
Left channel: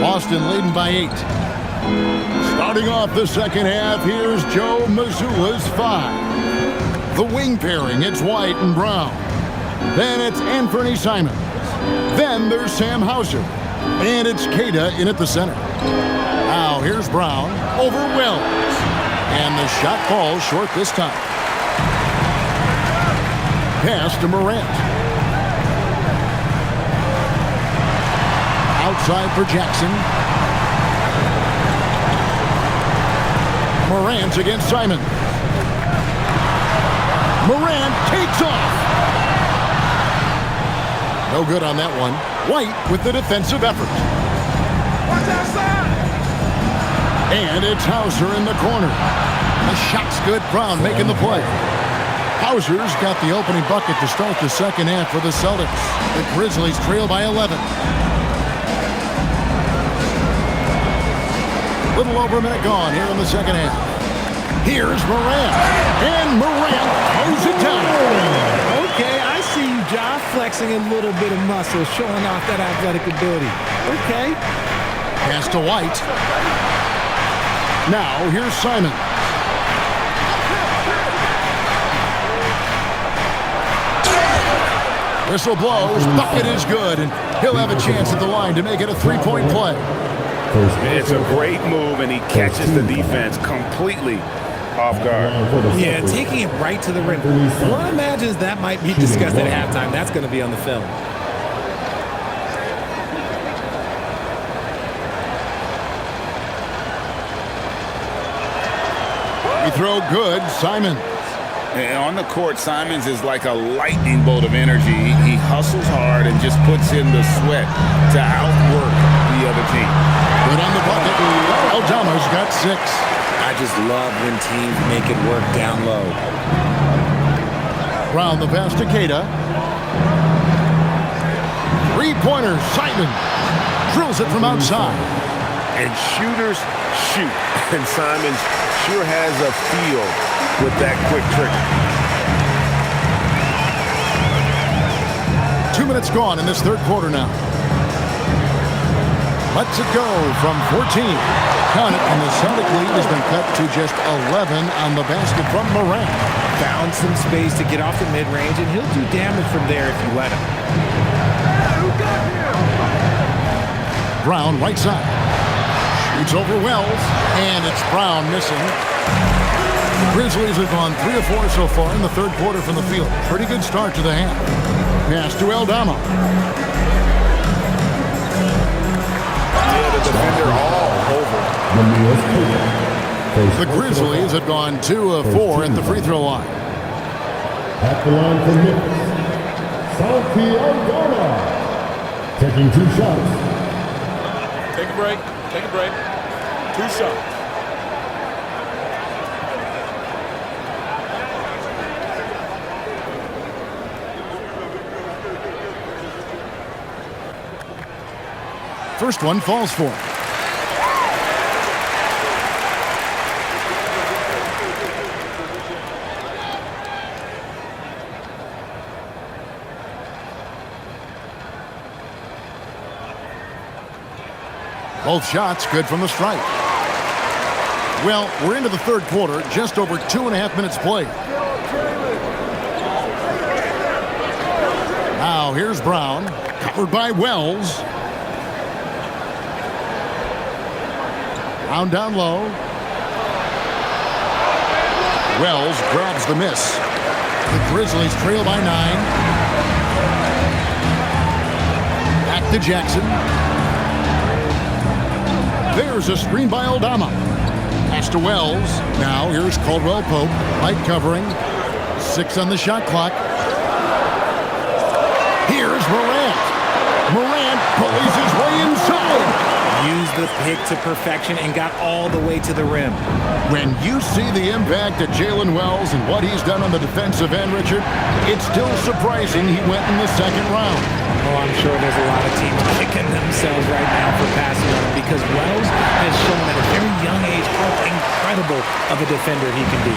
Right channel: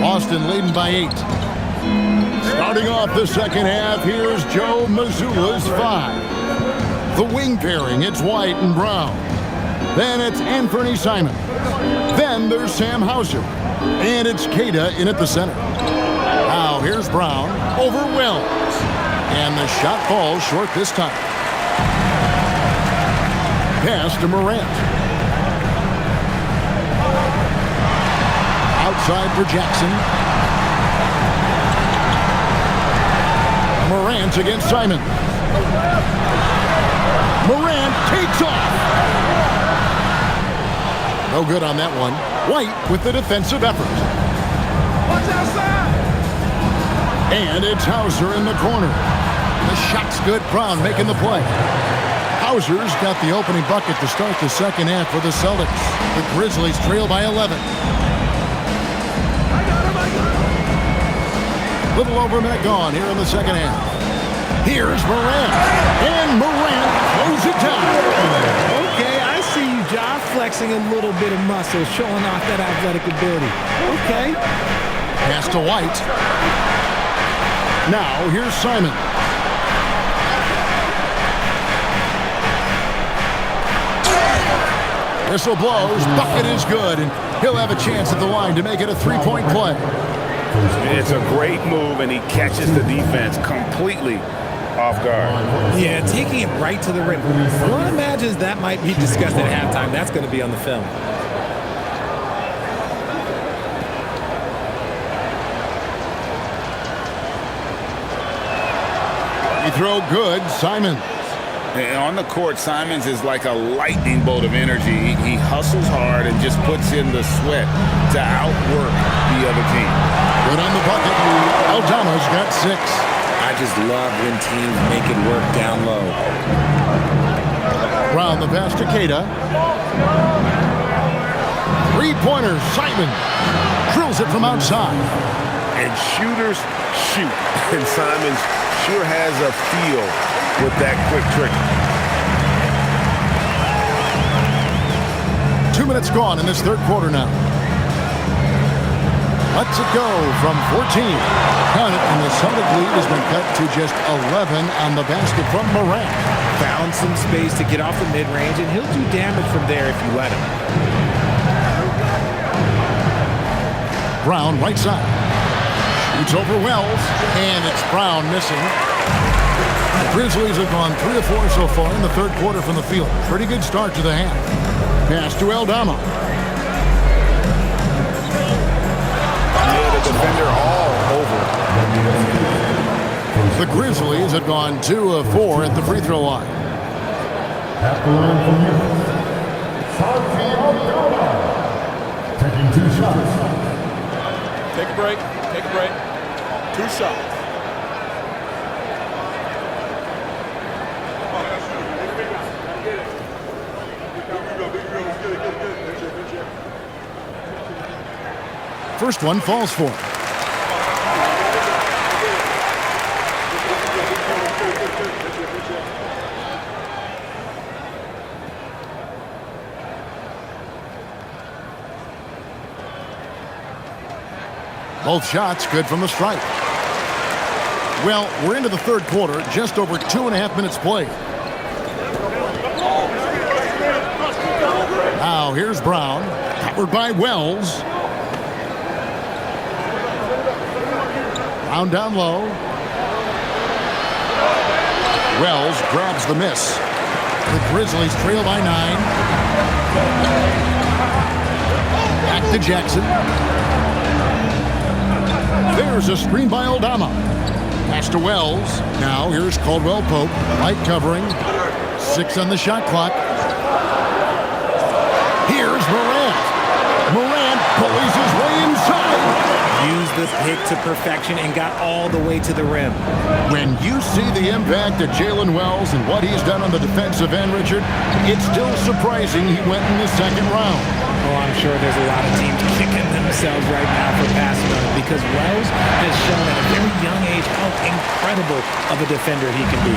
Boston leading by 8. Starting off the second half, here's Joe Mazzulla's 5. The wing pairing, it's White and Brown. Then it's Anthony Simons. Then there's Sam Hauser. And it's Kata in at the center. Now here's Brown over Wells. And the shot falls short this time. Pass to Morant. Outside for Jackson. Morant against Simons. Morant takes off. No good on that one. White with the defensive effort. Watch outside. And it's Hauser in the corner. The shot's good. Brown making the play. Hauser's got the opening bucket to start the second half for the Celtics. The Grizzlies trail by 11. Little over a minute gone here in the second half. Here's Morant. And Morant throws it down. Okay, I see you, Ja, flexing a little bit of muscle, showing off that athletic ability. Okay. Pass to White. Now here's Simons. Whistle blows. Bucket is good, and he'll have a chance at the line to make it a 3-point play. It's a great move, and he catches the defense completely off guard. Yeah, taking it right to the rim. One imagines that might be discussed at halftime. That's going to be on the film. He throw good. Simons. And on the court, Simons is like a lightning bolt of energy. He hustles hard and just puts in the sweat to outwork the other team. Good on the bucket. Aldama's got 6. I just love when teams make it work down low. Brown the pass to Kata. 3-pointers. Simons drills it from outside. And shooters shoot. And Simons sure has a feel with that quick trigger. 2 minutes gone in this third quarter now. Lets it go from 14. Count it, and the Celtic lead has been cut to just 11 on the basket from Morant. Found some space to get off the mid-range, and he'll do damage from there if you let him. Brown, right side. Shoots over Wells, and it's Brown missing. The Grizzlies have gone 3 of 4 so far in the third quarter from the field. Pretty good start to the half. Pass to Aldama. Yeah, the defender all over. The Grizzlies have gone 2 of 4 at the free throw line. At the line for Memphis, Santi Aldama. Taking 2 shots. Take a break. Take a break. 2 shots. First one falls for him. Both shots good from the stripe. Well, we're into the third quarter, just over 2.5 minutes played. Now here's Brown, covered by Wells. Brown down low. Wells grabs the miss. The Grizzlies trail by 9. Back to Jackson. There's a screen by Aldama. Pass to Wells. Now here's Caldwell Pope. Light covering. 6 on the shot clock. Here's Morant. Morant bullies his way inside. Used the pick to perfection and got all the way to the rim. When you see the impact of Jalen Wells and what he's done on the defensive end, Richard, it's still surprising he went in the second round. Oh, I'm sure there's a lot of teams kicking themselves right now for passing on him because Wells has shown at a very young age how incredible of a defender he can be.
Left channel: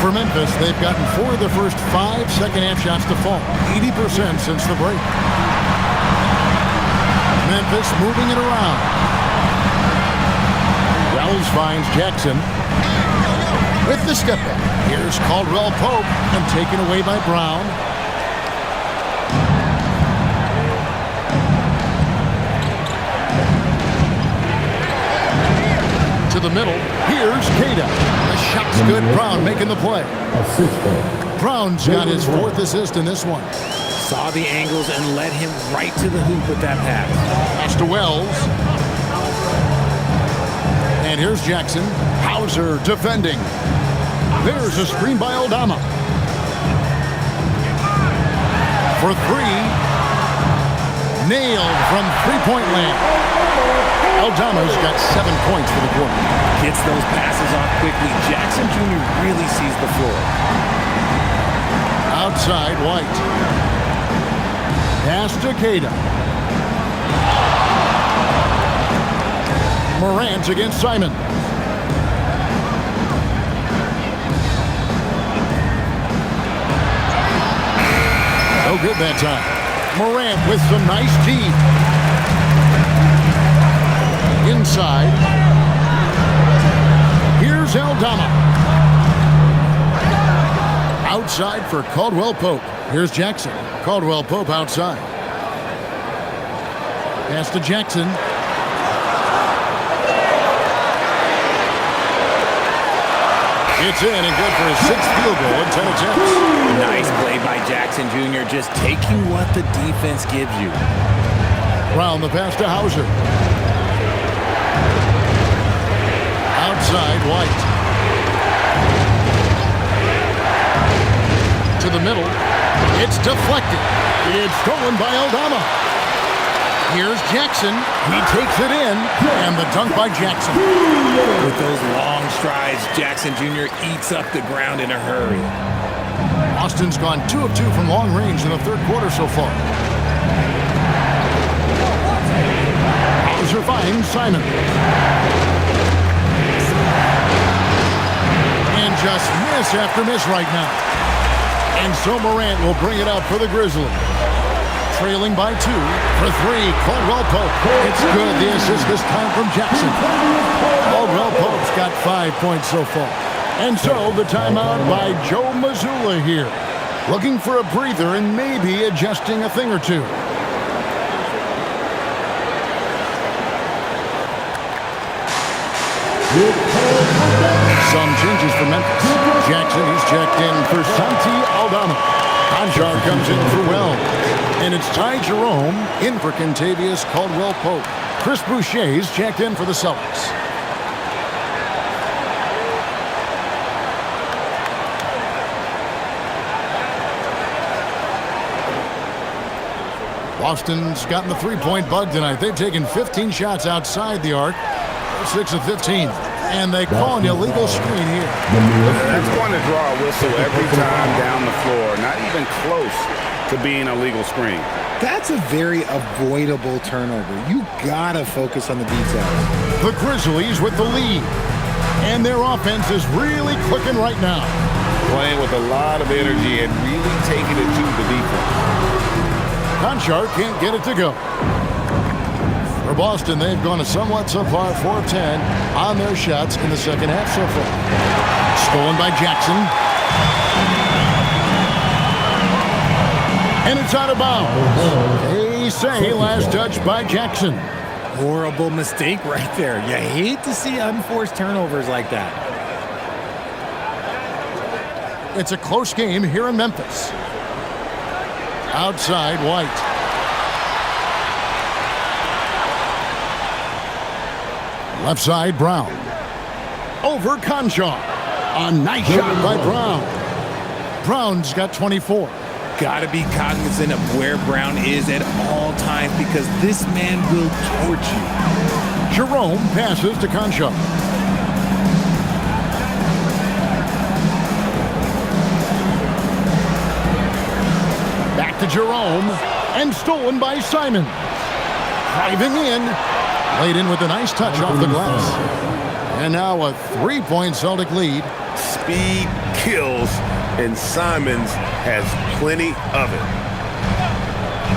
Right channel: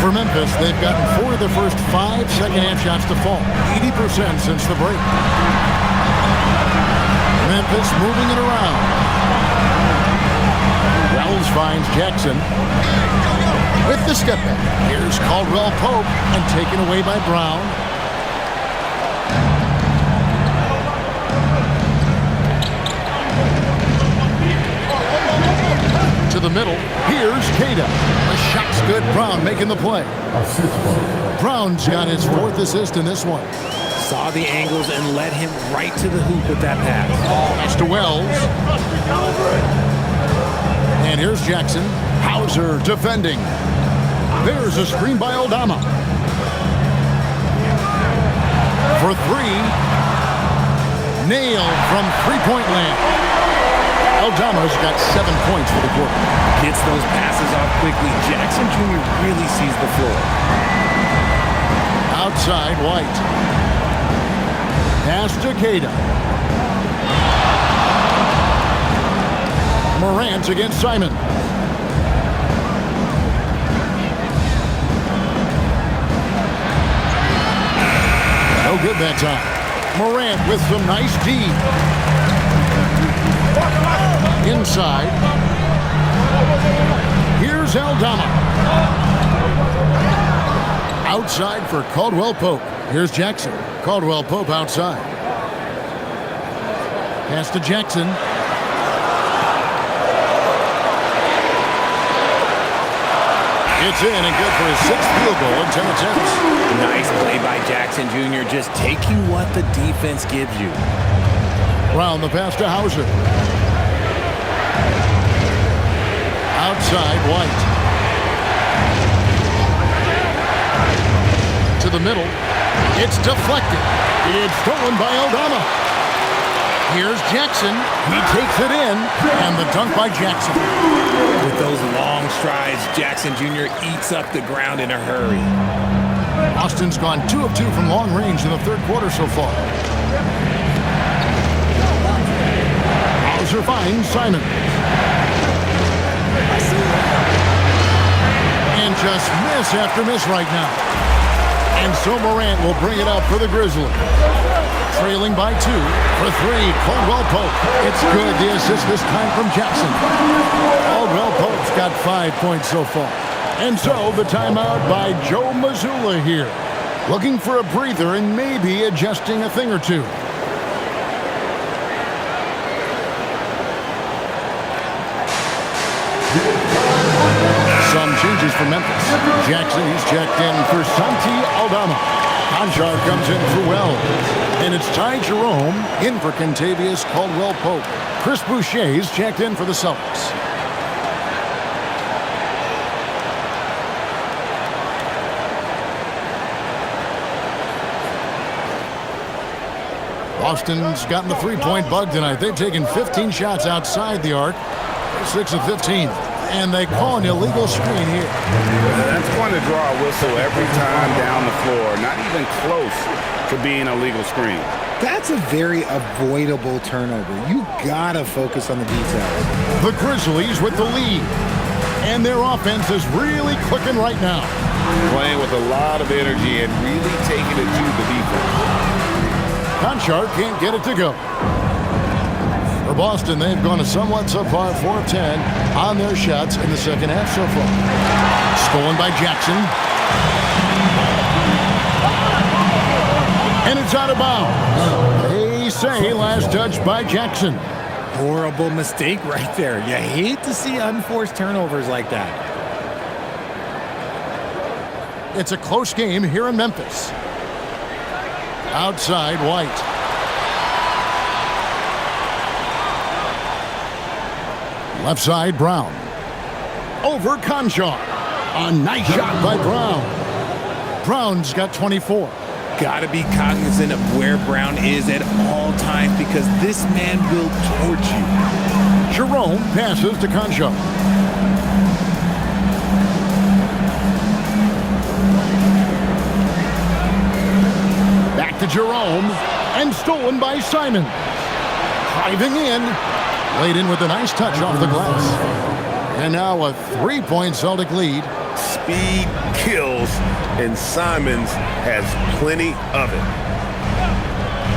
For Memphis, they've gotten 4 of their first 5 second-half shots to fall, 80% since the break. Memphis moving it around. Wells finds Jackson with the step back. Here's Caldwell Pope and taken away by Brown. To the middle. Here's Cada. The shot's good. Brown making the play. Brown's got his 4th assist in this one. Saw the angles and led him right to the hoop with that pass. Pass to Wells. And here's Jackson. Hauser defending. There's a screen by Aldama. For 3. Nailed from three-point land. Aldama's got 7 points for the quarter. Gets those passes off quickly. Jackson Jr. really sees the floor. Outside, White. Pass to Cada. Morant against Simon. No good that time. Morant with some nice D. Inside. Here's Aldama. Outside for Caldwell Pope. Here's Jackson. Caldwell Pope outside. Pass to Jackson. It's in and good for his 6th field goal in 10 attempts. Nice play by Jackson Jr. Just taking what the defense gives you. Brown the pass to Hauser. Outside, White. To the middle. It's deflected. It's stolen by Aldama. Here's Jackson. He takes it in, and the dunk by Jackson. With those long strides, Jackson Jr. eats up the ground in a hurry. Austin's gone 2 of 2 from long range in the third quarter so far. Hauser finds Simon. And just miss after miss right now. And so Morant will bring it up for the Grizzlies. trailing by 2. For 3, Caldwell Pope. It's good. The assist this time from Jackson. Caldwell Pope's got 5 points so far. And so the timeout by Joe Mazzulla here. Looking for a breather and maybe adjusting a thing or two. Some changes for Memphis. Jackson, he's checked in for Santi Aldama. Conchar comes in for Wells. And it's Ty Jerome in for Kentavious Caldwell-Pope. Chris Boucher's checked in for the Celtics. Boston's gotten the three-point bug tonight. They've taken 15 shots outside the arc. They're 6 of 15. And they call an illegal screen here. That's going to draw a whistle every time down the floor. Not even close to being a legal screen. That's a very avoidable turnover. You gotta focus on the details. The Grizzlies with the lead. And their offense is really clicking right now. Playing with a lot of energy and really taking it to the defense. Conchar can't get it to go. For Boston, they've gone a somewhat subpar 4 of 10 on their shots in the second half so far. Stolen by Jackson. And it's out of bounds. They say last touch by Jackson. Horrible mistake right there. You hate to see unforced turnovers like that. It's a close game here in Memphis. Outside, White. Left side, Brown. Over Conchar. A nice shot by Brown. Brown's got 24. Gotta be cognizant of where Brown is at all times because this man will torch you. Jerome passes to Conchar. Back to Jerome. And stolen by Simon. Driving in. Laid in with a nice touch off the glass. And now a 3-point Celtic lead. Speed kills, and Simons has plenty of it.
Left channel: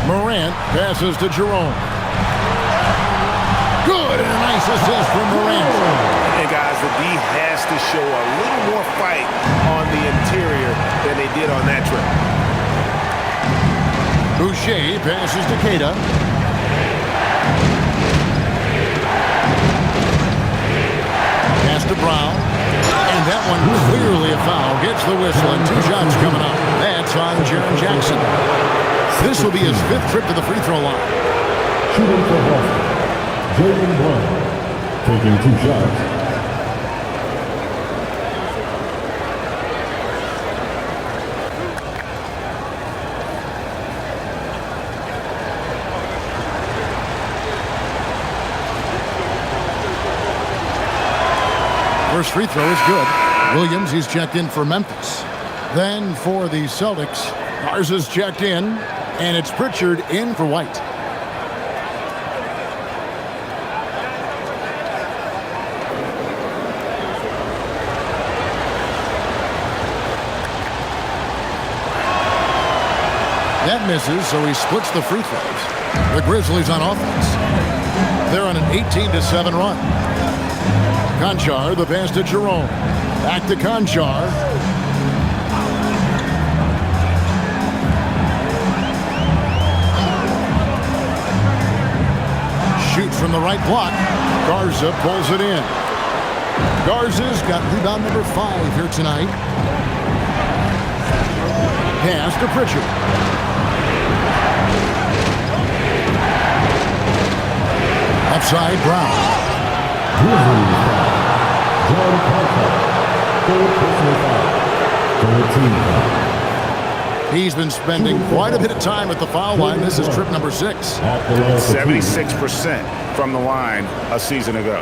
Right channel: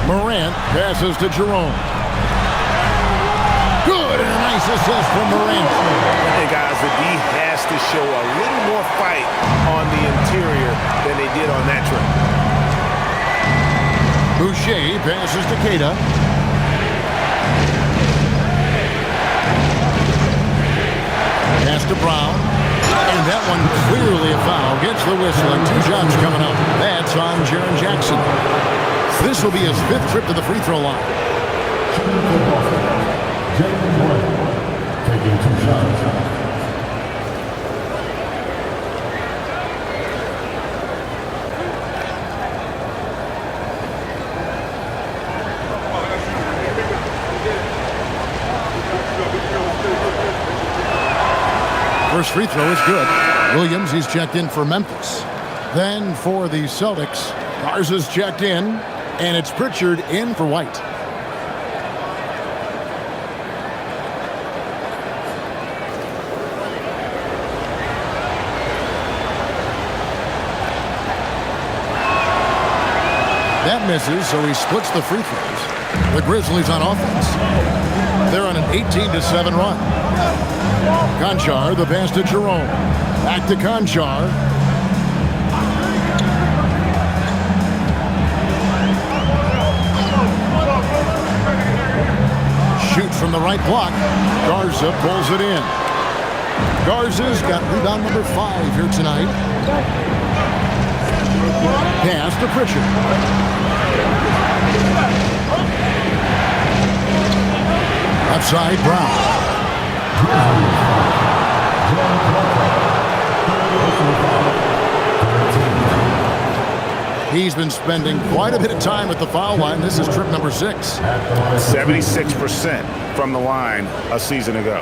Morant passes to Jerome. Good, and a nice assist from Morant. And guys, the D has to show a little more fight on the interior than they did on that trip. Boucher passes to Keita. Pass to Brown. And that one clearly a foul. Gets the whistle and 2 shots coming up. That's on Jaren Jackson. This will be his 5th trip to the free throw line. Shooting for Boston, Jaylen Brown, taking 2 shots. First free throw is good. Williams, he's checked in for Memphis. Then for the Celtics, Garza's checked in, and it's Pritchard in for White. That misses, so he splits the free throws. The Grizzlies on offense. They're on an 18-7 run. Conchar, the pass to Jerome. Back to Conchar. Shoots from the right block. Garza pulls it in. Garza's got rebound number 5 here tonight. Pass to Pritchard. Left side, Brown. He's been spending quite a bit of time at the foul line. This is trip number 6. 76% from the line a season ago.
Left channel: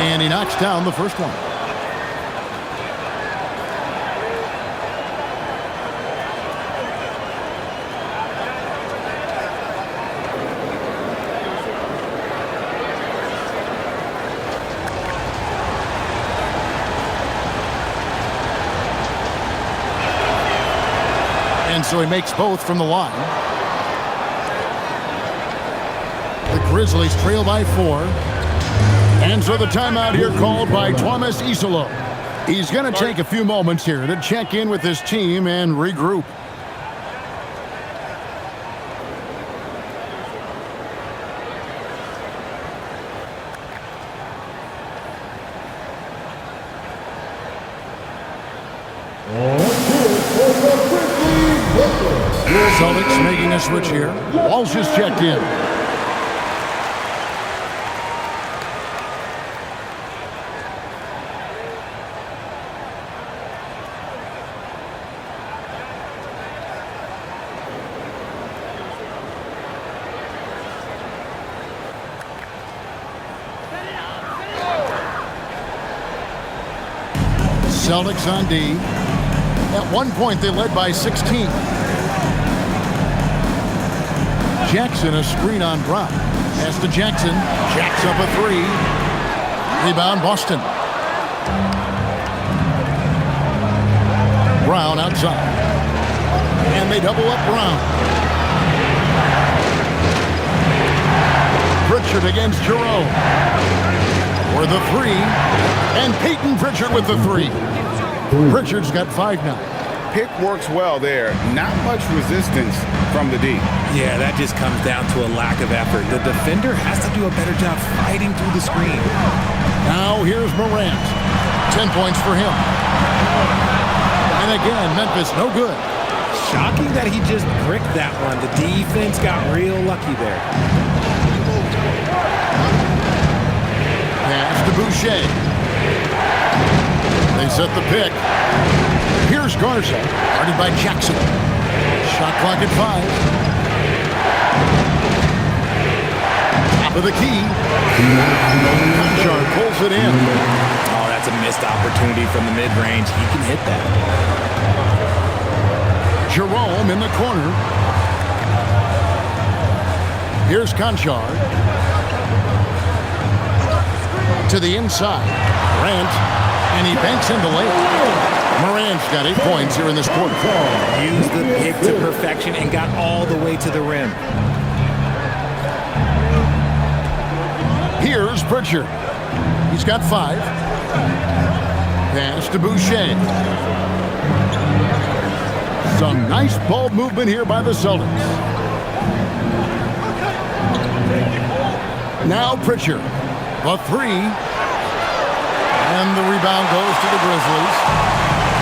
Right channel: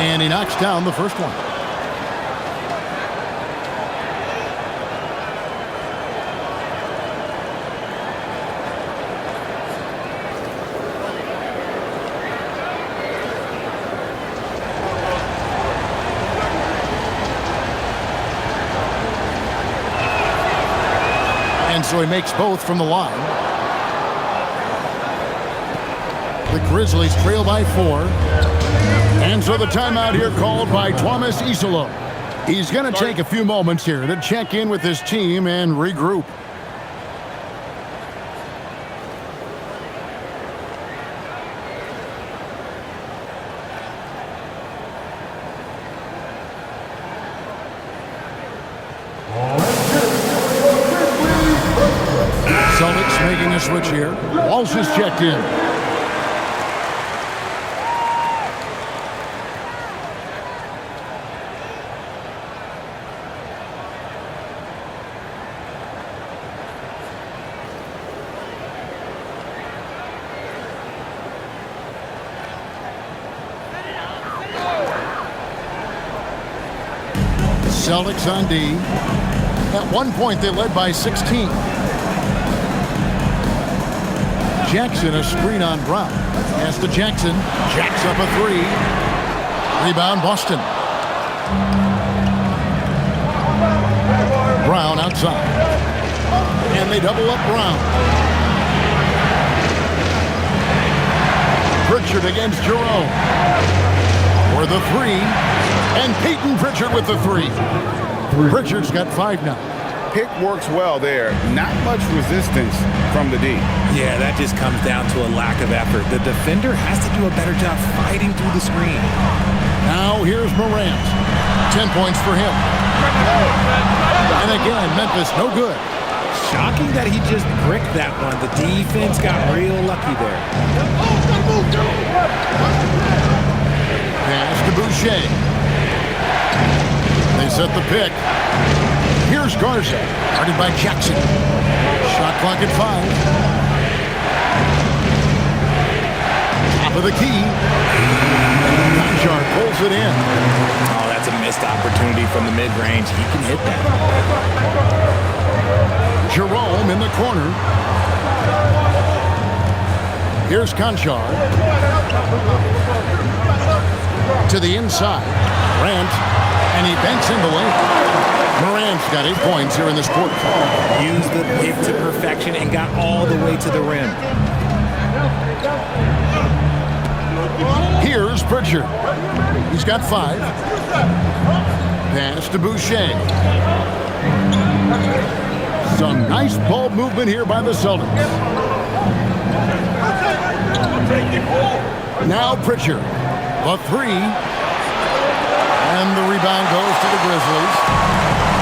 And he knocks down the first one. so he makes both from the line. The Grizzlies trail by 4. And so the timeout here called by Thomas Isolo. He's going to take a few moments here to check in with his team and regroup. Celtics making a switch here. Walsh is checked in. Celtics on D. At one point, they led by 16. Jackson, a screen on Brown. Pass to Jackson. Jacks up a 3. Rebound, Boston. Brown outside. And they double up Brown. Pritchard against Jerome. For the 3. And Peyton Pritchard with the 3. Pritchard's got 5 now. Pick works well there. Not much resistance from the D. Yeah, that just comes down to a lack of effort. The defender has to do a better job fighting through the screen. Now here's Morant. 10 points for him. And again, Memphis no good. Shocking that he just bricked that one. The defense got real lucky there. Pass to Boucher. They set the pick. Here's Garza, guarded by Jackson. Shot clock at 5. Top of the key. Conchar pulls it in. Oh, that's a missed opportunity from the mid-range. He can hit that. Jerome in the corner. Here's Conchar. To the inside. Morant. And he banks in the lane. Morant's got 8 points here in this quarter. Used the pick to perfection and got all the way to the rim. Here's Pritchard. He's got 5. Pass to Boucher. Some nice ball movement here by the Celtics. Now Pritchard. The 3. And the rebound goes to the Grizzlies.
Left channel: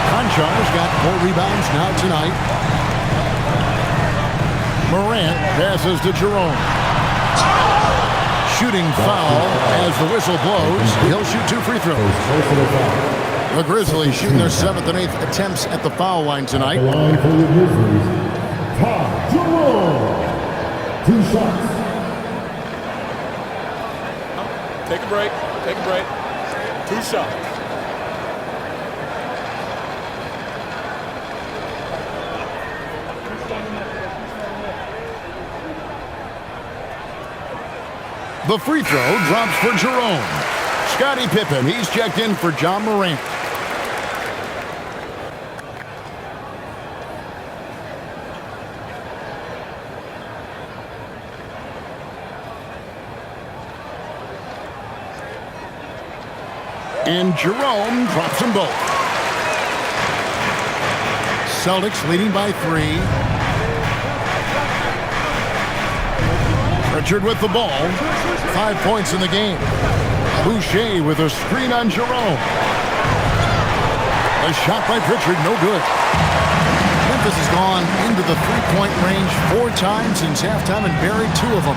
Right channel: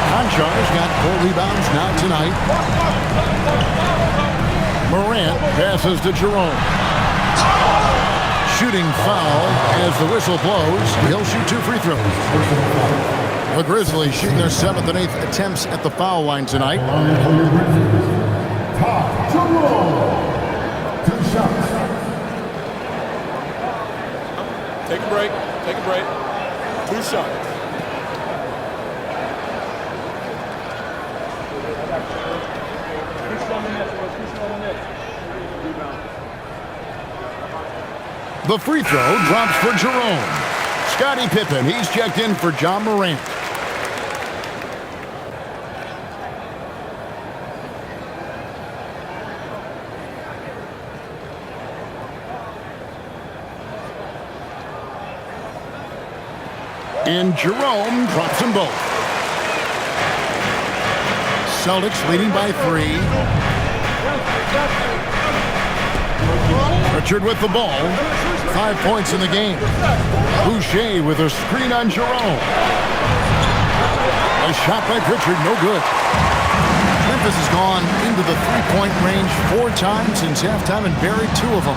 Conchar's got 4 rebounds now tonight. Morant passes to Jerome. Shooting foul as the whistle blows. He'll shoot 2 free throws. The Grizzlies shooting their 7th and 8th attempts at the foul line tonight. Line for your Grizzlies. Top Jerome. 2 shots. Take a break. Take a break. 2 shots. The free throw drops for Jerome. Scottie Pippen, he's checked in for John Morant. And Jerome drops them both. Celtics leading by 3. Pritchard with the ball. 5 points in the game. Boucher with a screen on Jerome. A shot by Pritchard, no good. Memphis has gone into the 3-point range 4 times since halftime and buried 2 of them.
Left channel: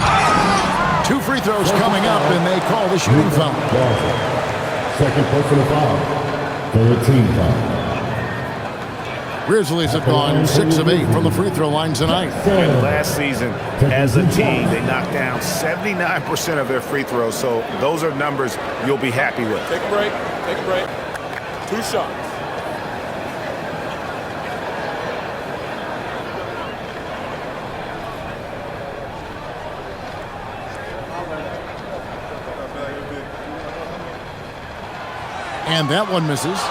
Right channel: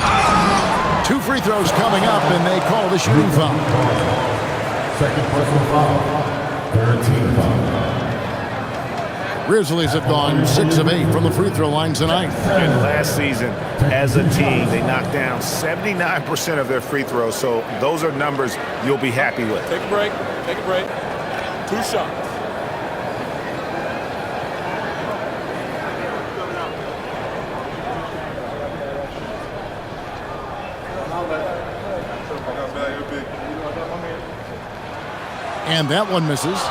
2 free throws coming up, and they call the shooting foul. Second personal foul. 13 foul. Grizzlies have gone 6 of 8 from the free throw line tonight. And last season, as a team, they knocked down 79% of their free throws. So those are numbers you'll be happy with. Take a break. Take a break. 2 shots. And that one misses.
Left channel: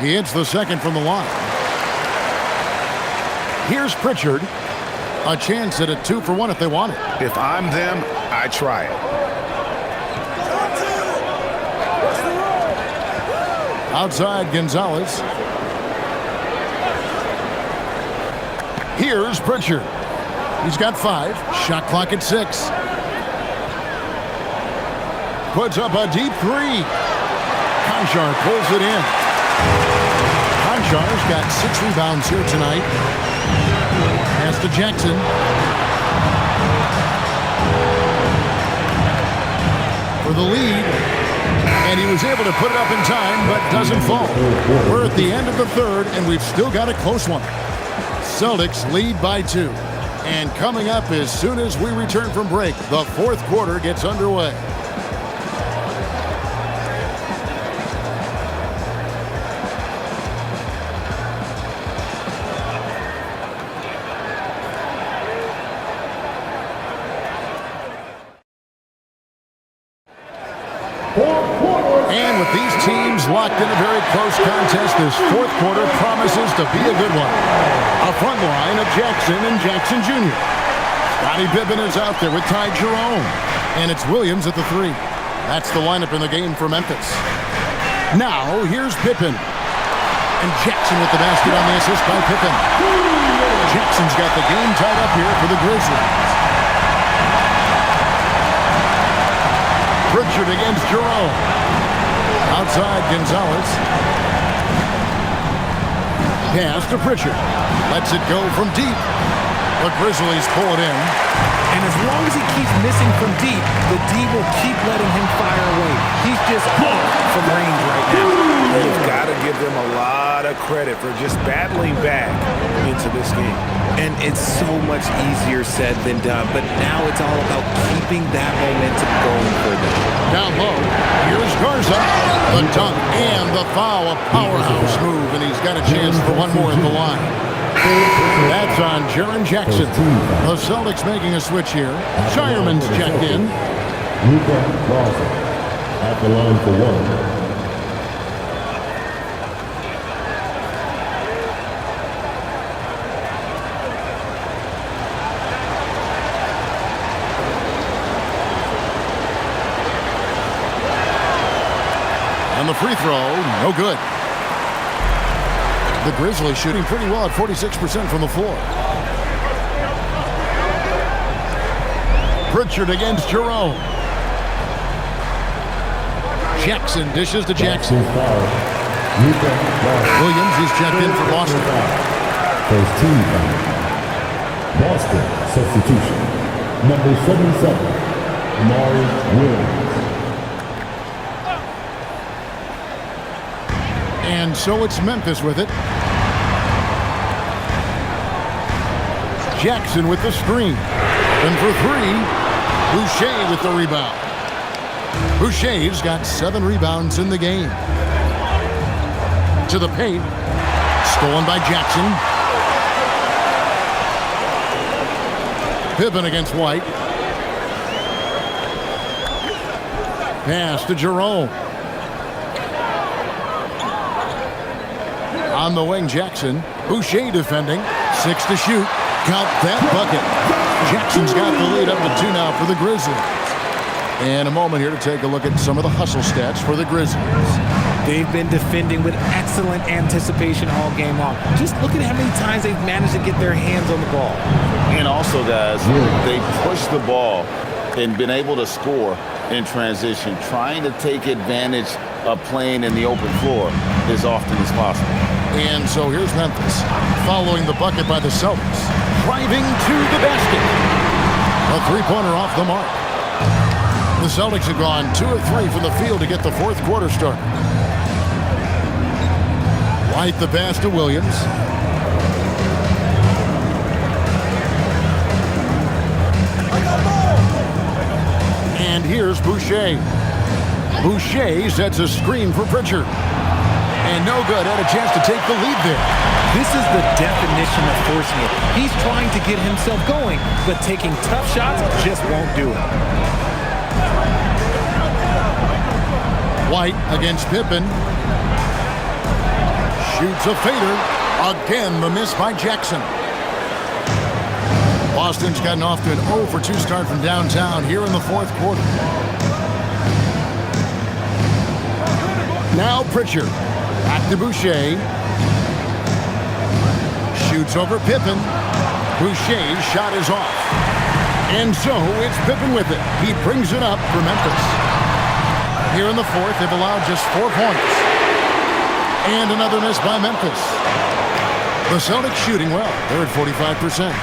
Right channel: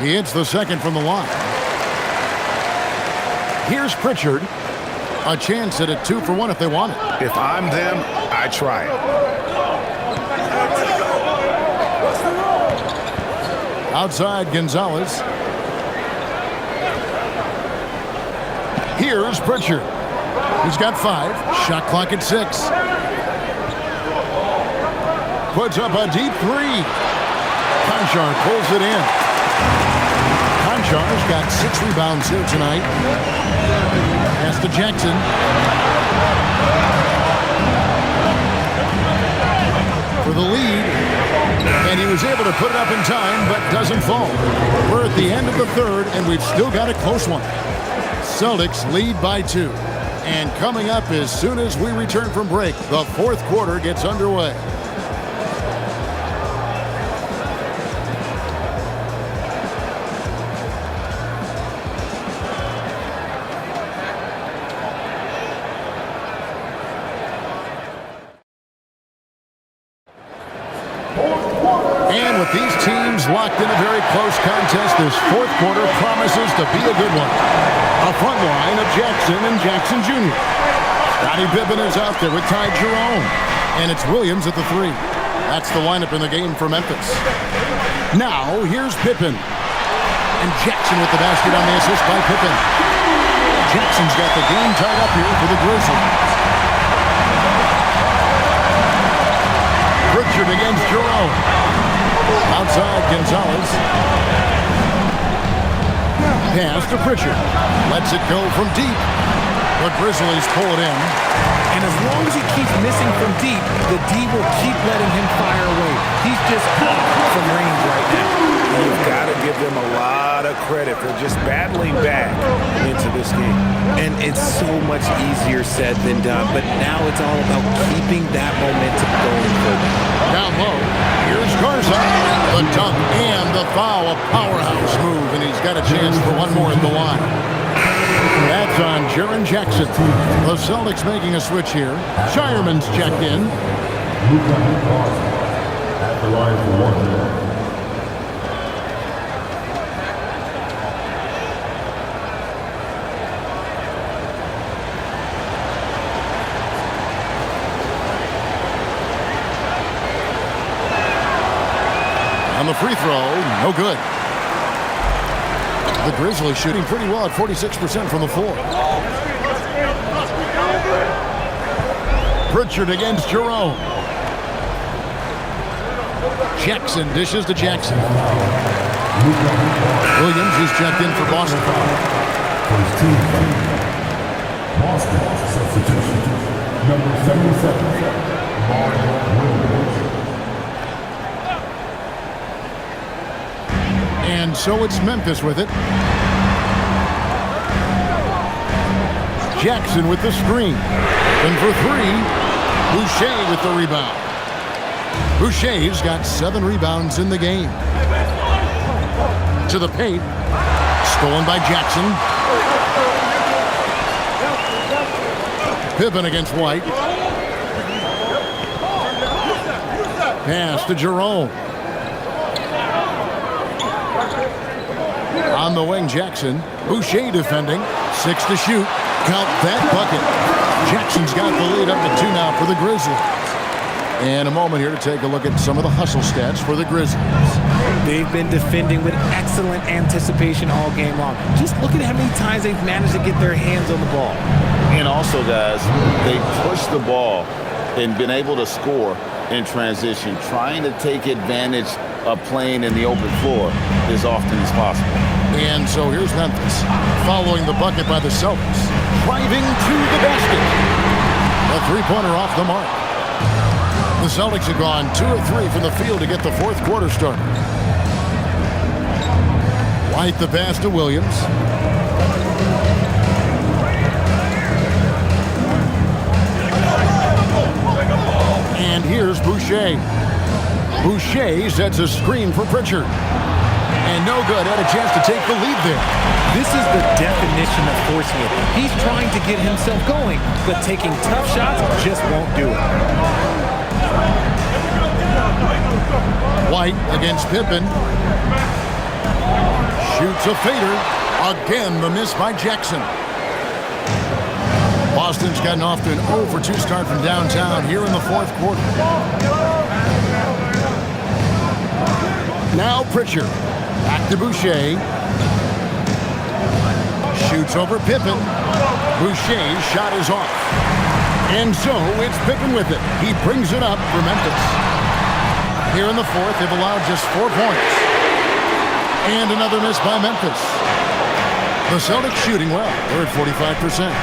He hits the second from the line. Here's Pritchard. A chance at a 2-for-1 if they want it. If I'm them, I try it. Outside Gonzalez. Here's Pritchard. He's got 5. Shot clock at 6. Puts up a deep 3. Conchar pulls it in. Conchar's got 6 rebounds here tonight. Pass to Jackson. For the lead. And he was able to put it up in time, but doesn't fall. We're at the end of the third, and we've still got a close one. Celtics lead by 2. And coming up as soon as we return from break, the fourth quarter gets underway. And with these teams locked in a very close contest, this fourth quarter promises to be a good one. A front line of Jackson and Jackson Jr. Scottie Pippen is out there with Ty Jerome. And it's Williams at the 3. That's the lineup in the game for Memphis. Now, here's Pippen. And Jackson with the basket on the assist by Pippen. Jackson's got the game tied up here for the Grizzlies. Pritchard against Jerome. Outside Gonzalez. Pass to Pritchard. Lets it go from deep. The Grizzlies pull it in. And as long as he keeps missing from deep, the D will keep letting him fire away. He's just off from range right now. And you've got to give them a lot of credit for just battling back into this game. And it's so much easier said than done, but now it's all about keeping that momentum going for them. Down low, here's Garza. The dunk and the foul, a powerhouse move, and he's got a chance for one more at the line. That's on Jaren Jackson. The Celtics making a switch here. Shireman's checked in. Luka Garza at the line for 1. On the free throw, no good. The Grizzlies shooting pretty well at 46% from the floor. Pritchard against Jerome. Jackson dishes to Jackson. Williams is checked in for Boston. First team. Boston substitution. Number 77, Mari Williams. And so it's Memphis with it. Jackson with the screen. And for 3, Boucher with the rebound. Boucher's got 7 rebounds in the game. To the paint. Stolen by Jackson. Pippen against White. Pass to Jerome. On the wing, Jackson. Boucher defending. 6 to shoot. Count that bucket. Jackson's got the lead up to 2 now for the Grizzlies. And a moment here to take a look at some of the hustle stats for the Grizzlies. They've been defending with excellent anticipation all game long. Just look at how many times they've managed to get their hands on the ball. And also, guys, they pushed the ball and been able to score in transition, trying to take advantage of playing in the open floor as often as possible. And so here's Memphis, following the bucket by the Celtics, driving to the basket. A three-pointer off the mark. The Celtics have gone 2 of 3 from the field to get the fourth quarter started. White the pass to Williams. And here's Boucher. Boucher sets a screen for Pritchard. And no good. Had a chance to take the lead there. This is the definition of forcing it. He's trying to get himself going, but taking tough shots just won't do it. White against Pippen. Shoots a fader. Again, the miss by Jackson. Boston's gotten off to an 0 for 2 start from downtown here in the fourth quarter. Now Pritchard. Back to Boucher. Shoots over Pippen. Boucher's shot is off. And so it's Pippen with it. He brings it up for Memphis. Here in the fourth, they've allowed just 4 points. And another miss by Memphis. The Celtics shooting well. They're at 45%.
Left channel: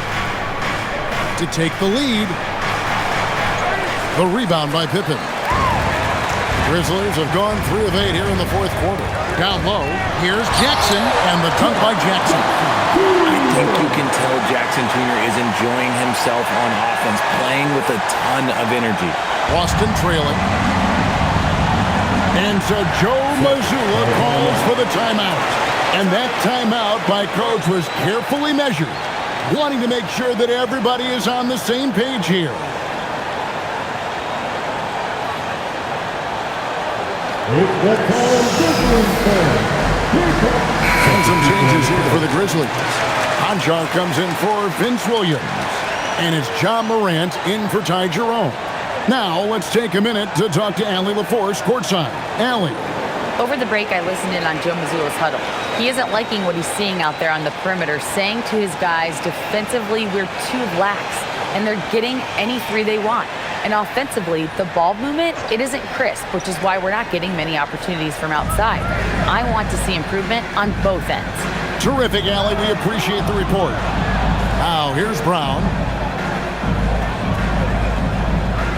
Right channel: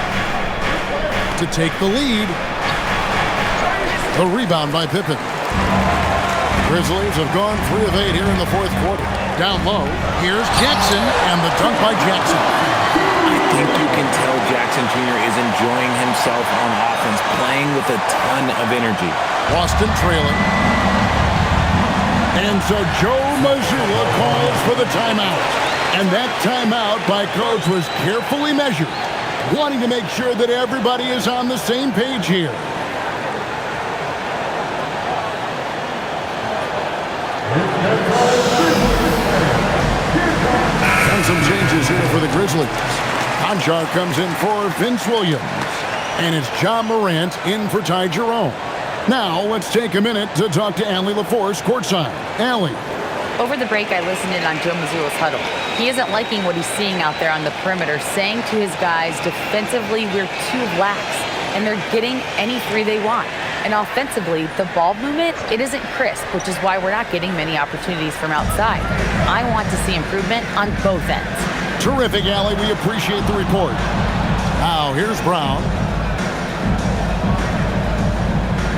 To take the lead. The rebound by Pippen. Grizzlies have gone 3 of 8 here in the fourth quarter. Down low, here's Jackson, and the dunk by Jackson. I think you can tell Jackson Jr. is enjoying himself on offense, playing with a ton of energy. Boston trailing. And so Joe Mazzulla calls for the timeout. And that timeout by coach was carefully measured, wanting to make sure that everybody is on the same page here. And some changes here for the Grizzlies. Conchar comes in for Vince Williams. And it's John Morant in for Ty Jerome. Now let's take a minute to talk to Allie LaForce courtside. Allie. Over the break, I listened in on Joe Mazzulla's huddle. He isn't liking what he's seeing out there on the perimeter, saying to his guys, defensively, we're too lax, and they're getting any 3 they want. And offensively, the ball movement, it isn't crisp, which is why we're not getting many opportunities from outside. I want to see improvement on both ends. Terrific, Allie. We appreciate the report. Now, here's Brown.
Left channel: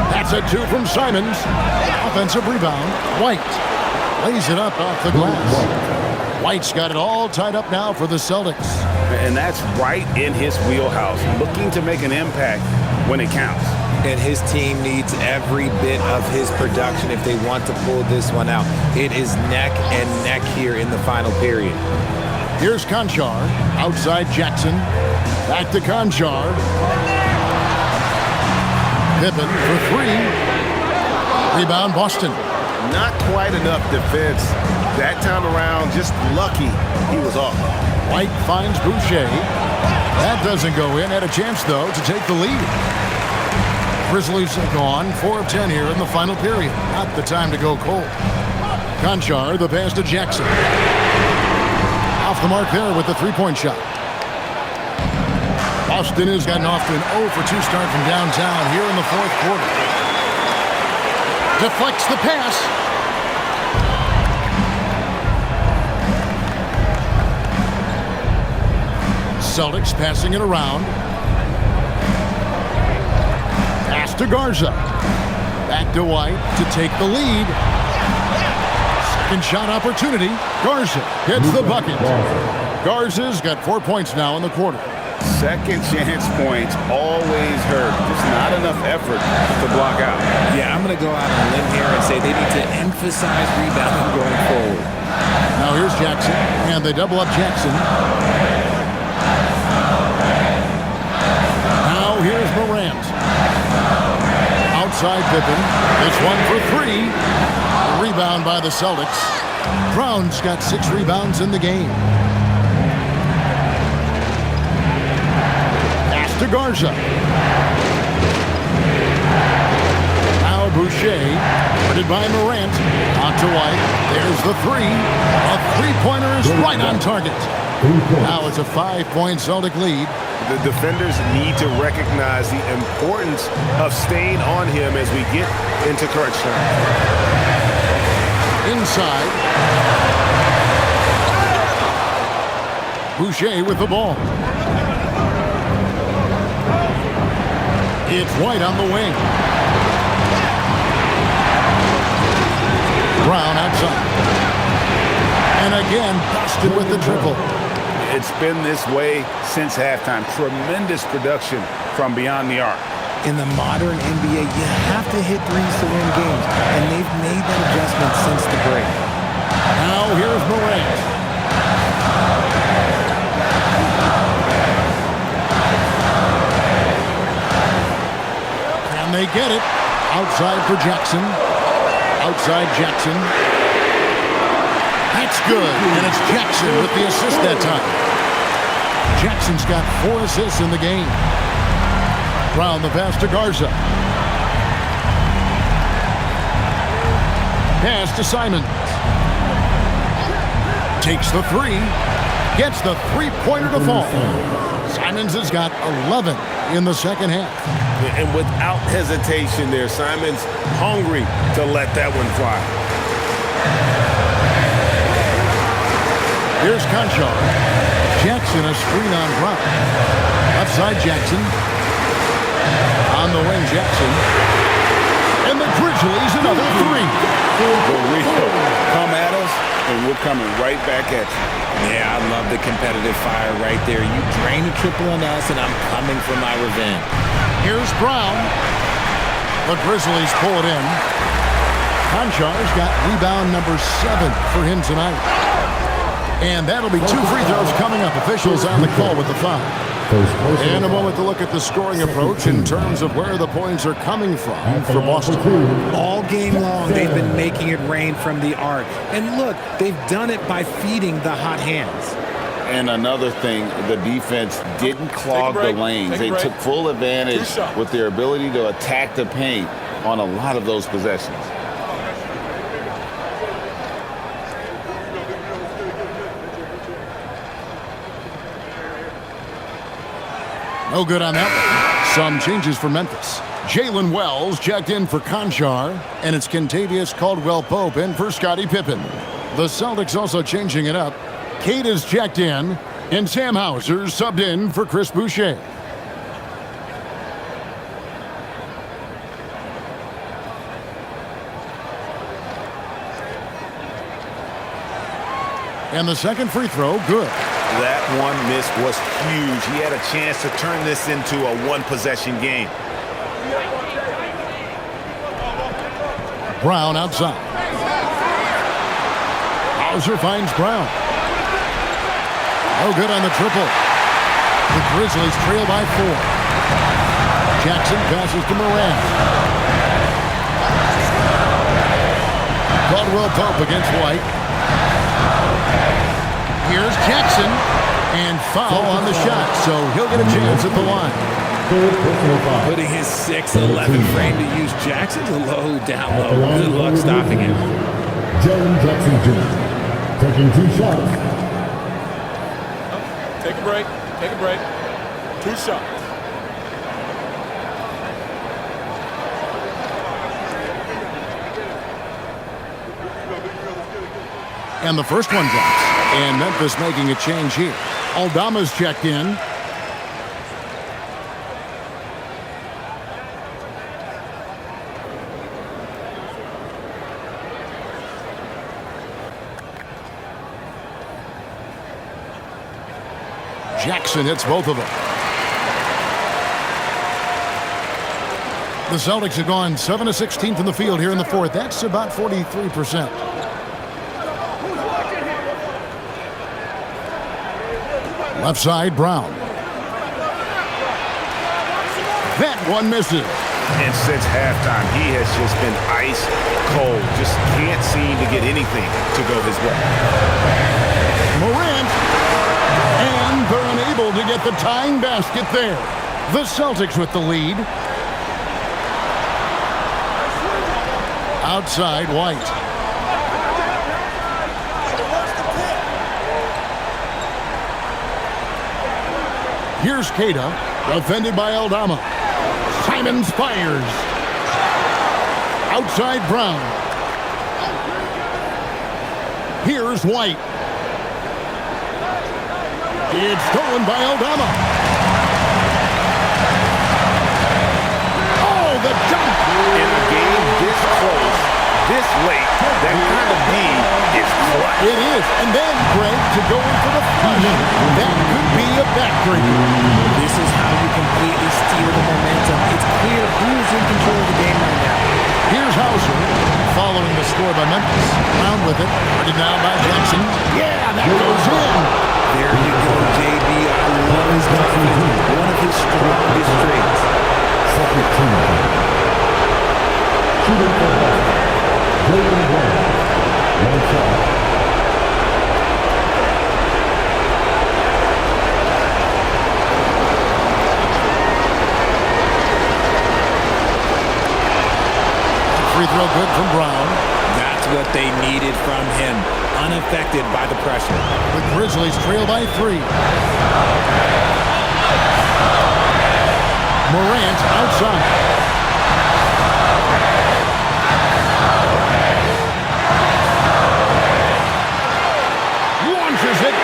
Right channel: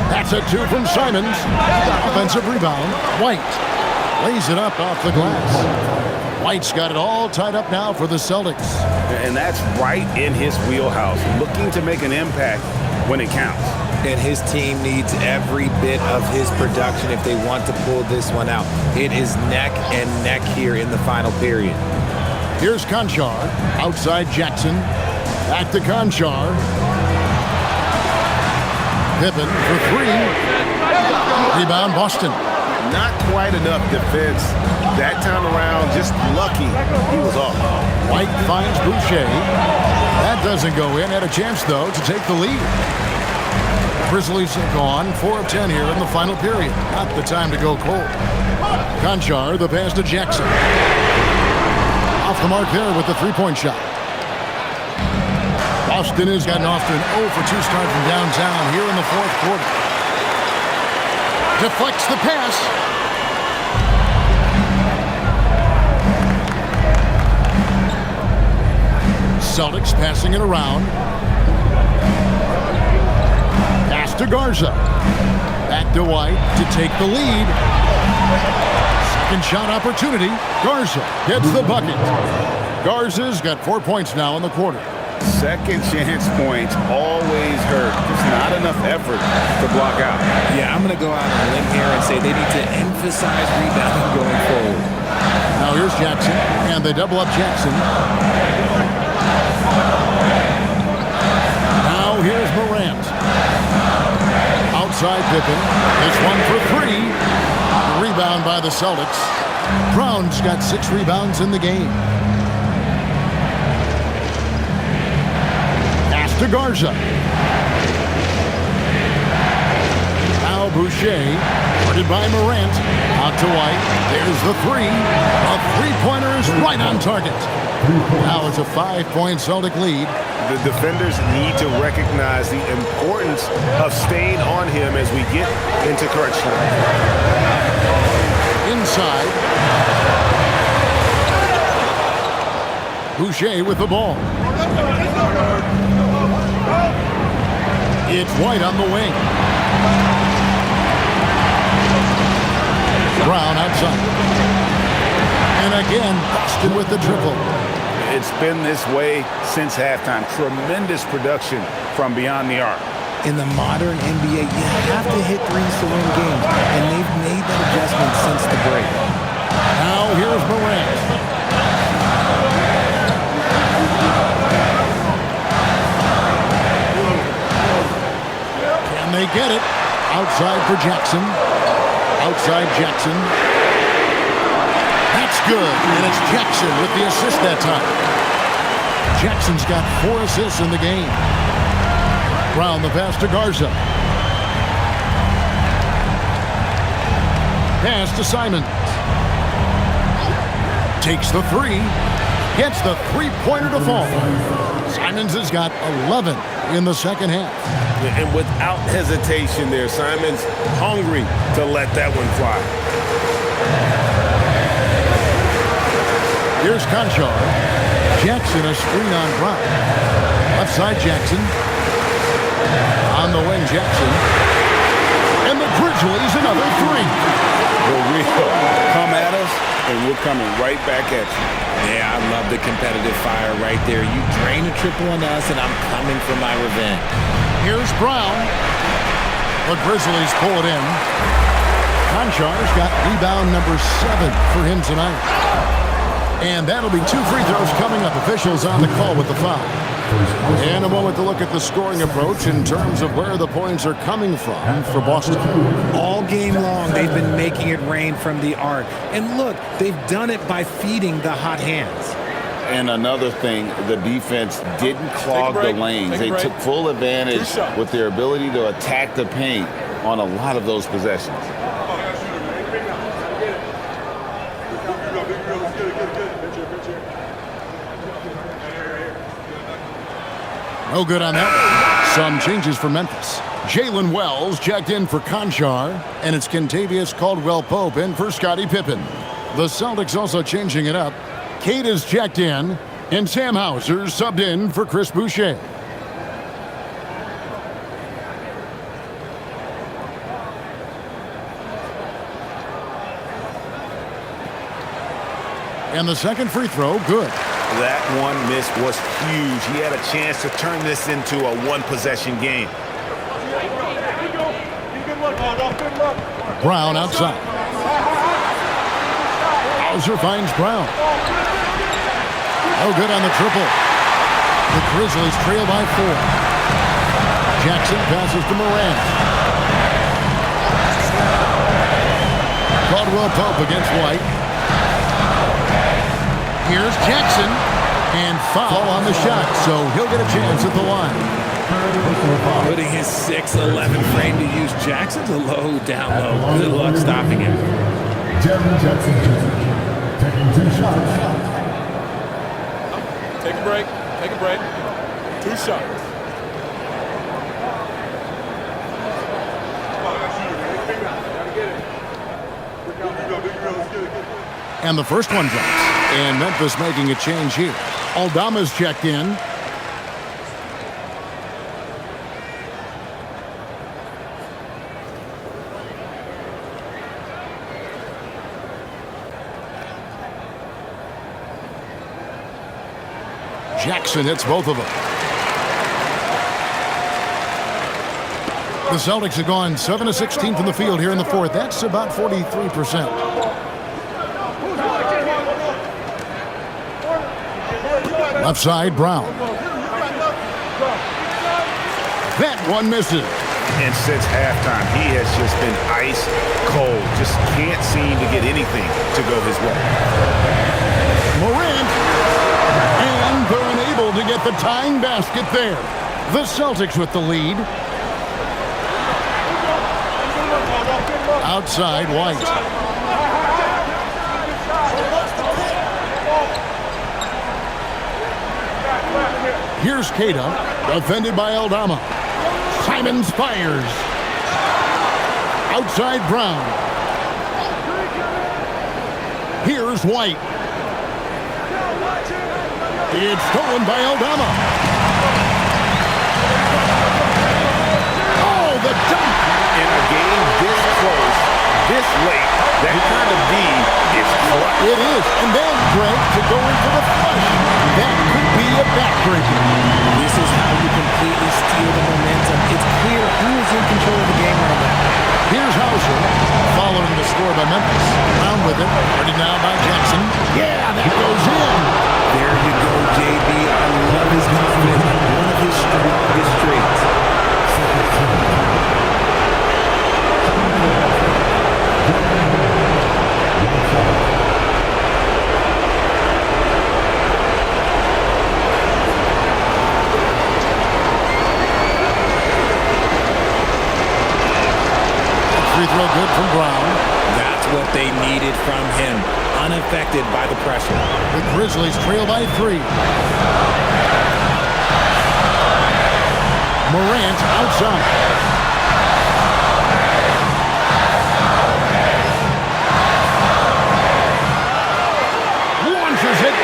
That's a 2 from Simons. Offensive rebound. White lays it up off the glass. White's got it all tied up now for the Celtics. And that's right in his wheelhouse, looking to make an impact when it counts. And his team needs every bit of his production if they want to pull this one out. It is neck and neck here in the final period. Here's Conchar. Outside Jackson. Back to Conchar. Pippen for 3. Rebound Boston. Not quite enough defense. That time around, just lucky he was off. White finds Boucher. That doesn't go in. Had a chance, though, to take the lead. Grizzlies have gone 4 of 10 here in the final period. Not the time to go cold. Conchar, the pass to Jackson. Off the mark there with the 3-point shot. Boston has gotten off to an 0 for 2 start from downtown here in the fourth quarter. Deflects the pass. Celtics passing it around. Pass to Garza. Back to White to take the lead. Second shot opportunity. Garza gets the bucket. Garza's got 4 points now in the quarter. Second chance points always hurt. Just not enough effort to block out. Yeah, I'm going to go out on a limb here and say they need to emphasize rebounding going forward. Now here's Jackson, and they double up Jackson. Now here's Morant. Outside Pippen. This one for 3. Rebound by the Celtics. Brown's got 6 rebounds in the game. To Garza. Now Boucher, guarded by Morant. Out to White. There's the 3. A 3-pointer is right on target. Now it's a 5-point Celtic lead. The defenders need to recognize the importance of staying on him as we get into crunch time. Inside. Boucher with the ball. It's White on the wing. Brown outside. And again, Boston with the triple. It's been this way since halftime. Tremendous production from beyond the arc. In the modern NBA, you have to hit threes to win games, and they've made that adjustment since the break. Now here's Morant. Can they get it? Outside for Jackson. Outside Jackson. That's good, and it's Jackson with the assist that time. Jackson's got 4 assists in the game. Brown the pass to Garza. Pass to Simons. Takes the 3. Gets the three-pointer to fall. Simons has got 11 in the second half. And without hesitation there, Simons hungry to let that one fly. Here's Conchar. Jackson a screen on Brown. Left side Jackson. On the wing Jackson. And the Grizzlies another 3. The real come at us, and we're coming right back at you. Yeah, I love the competitive fire right there. You drain a triple on us, and I'm coming for my revenge. Here's Brown. The Grizzlies pull it in. Conchar's got rebound number 7 for him tonight. And that'll be 2 free throws coming up. Officials on the call with the foul. And a moment to look at the scoring approach in terms of where the points are coming from for Boston. All game long, they've been making it rain from the arc. And look, they've done it by feeding the hot hands. And another thing, the defense didn't clog the lanes. They took full advantage with their ability to attack the paint on a lot of those possessions. No good on that one. Some changes for Memphis. Jalen Wells checked in for Conchar, and it's Kentavious Caldwell-Pope in for Scottie Pippen. The Celtics also changing it up. Kate is checked in, and Sam Hauser subbed in for Chris Boucher. And the second free throw, good. That one miss was huge. He had a chance to turn this into a one-possession game. Brown outside. Hauser finds Brown. No good on the triple. The Grizzlies trail by 4. Jackson passes to Morant. Caldwell-Pope against White. Here's Jackson, and foul on the shot, so he'll get a chance at the line. Putting his 6'11" frame to use. Jackson's a low, down low. Good luck stopping him. Jaren Jackson Jr. taking 2 shots. Take a break. Take a break. 2 shots. And the first one drops. And Memphis making a change here. Aldama's checked in. Jackson hits both of them. The Celtics have gone 7 of 16 from the field here in the fourth. That's about 43%. Left side, Brown. That one misses. And since halftime, he has just been ice cold. Just can't seem to get anything to go his way. Morant. And they're unable to get the tying basket there. The Celtics with the lead. Outside, White. Here's Keita, defended by Aldama. Simons fires. Outside Brown. Here's White. It's stolen by Aldama. Oh, the dunk! In a game this close, this late, that kind of D is clutch. It is. And then, Greg, to go in for the flush, that could be a backbreaker. This is how you completely steal the momentum. It's clear who is in control of the game right now. Here's Hauser, following the score by Memphis. Brown with it, guarded now by Jackson. Yeah, that goes in. There you go, JB. I love his confidence. One of his strongest traits. Second team. Shooting for Boston. Jordan Brown. One shot. Free throw good from Brown. That's what they needed from him. Unaffected by the pressure. The Grizzlies trail by 3. Morant outside. Launches it.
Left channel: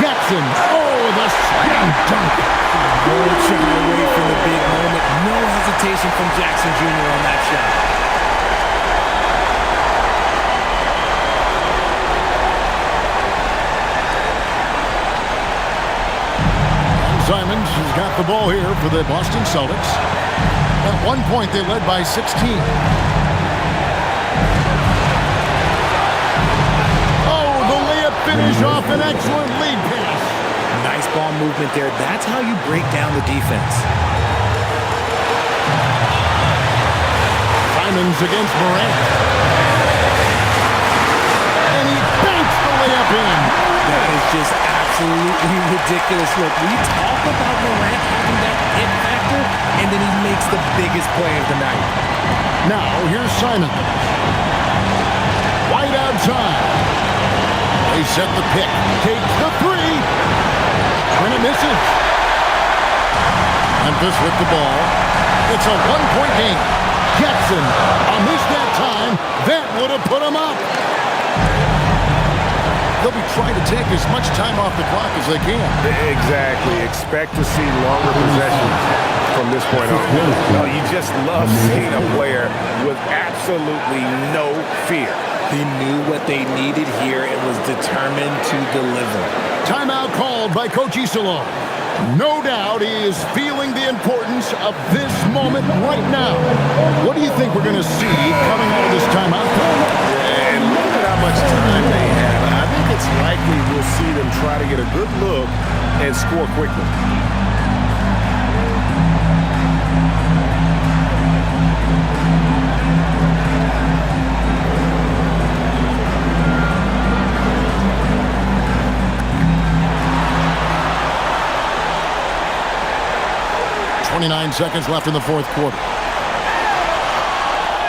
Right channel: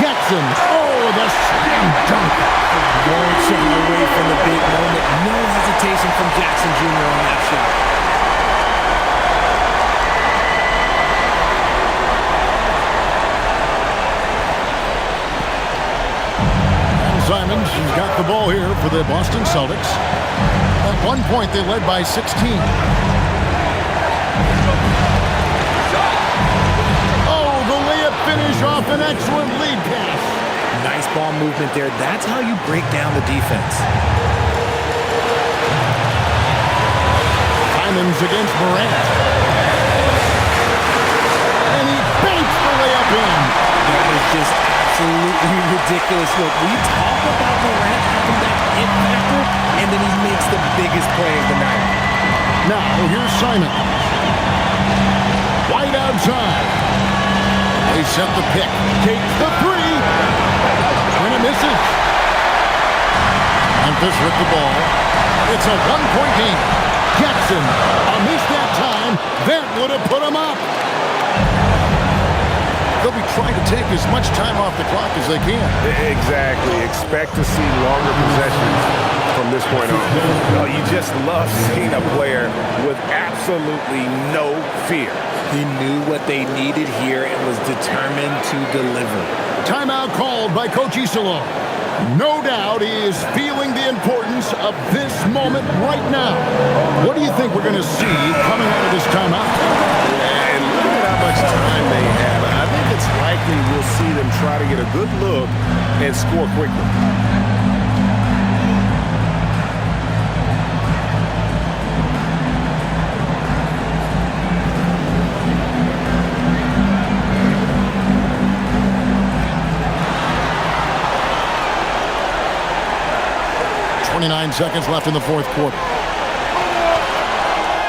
Jackson. Oh, the slam dunk. Won't shy away from the big moment. No hesitation from Jackson Jr. on that shot. And Simons has got the ball here for the Boston Celtics. At one point, they led by 16. Oh, the layup finish off an excellent lead pass. Nice ball movement there. That's how you break down the defense. Simons against Morant. And he banks the layup in. That is just absolutely ridiculous. Look, we talk about Morant having that it factor, and then he makes the biggest play of the night. Now, here's Simons. White outside. They set the pick. Takes the 3. And it misses. Memphis with the ball. It's a one-point game. Jackson, a miss that time. That would have put him up. They'll be trying to take as much time off the clock as they can. Exactly. Expect to see longer possessions from this point on. No, you just love seeing a player with absolutely no fear. He knew what they needed here and was determined to deliver. Timeout called by Coach Isolo. No doubt he is feeling the importance of this moment right now. What do you think we're going to see coming out of this timeout? Yeah, and look at how much time they have. I think it's likely we'll see them try to get a good look and score quickly. Seconds left in the fourth quarter.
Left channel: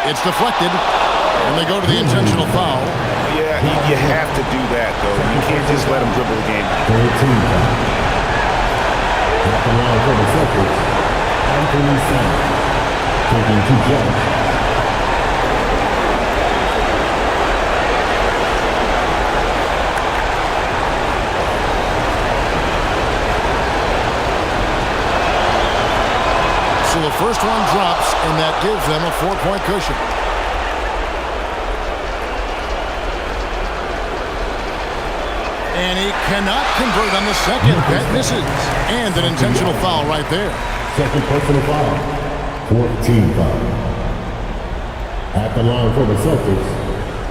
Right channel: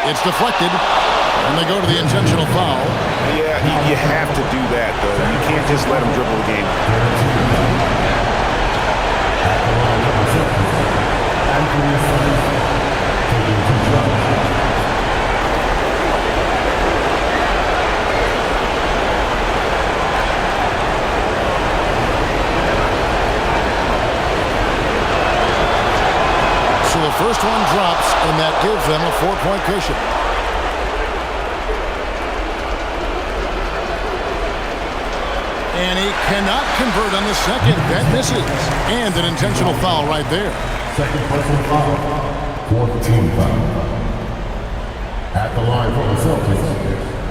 It's deflected, and they go to the intentional foul. Yeah, you have to do that, though. You can't just let them dribble the game. At the line for the Celtics, Anthony Simons, taking 2 shots. So the first one drops, and that gives them a 4-point cushion. And he cannot convert on the second. That misses. And an intentional foul right there. Second personal foul. 4th team foul. At the line for the Celtics,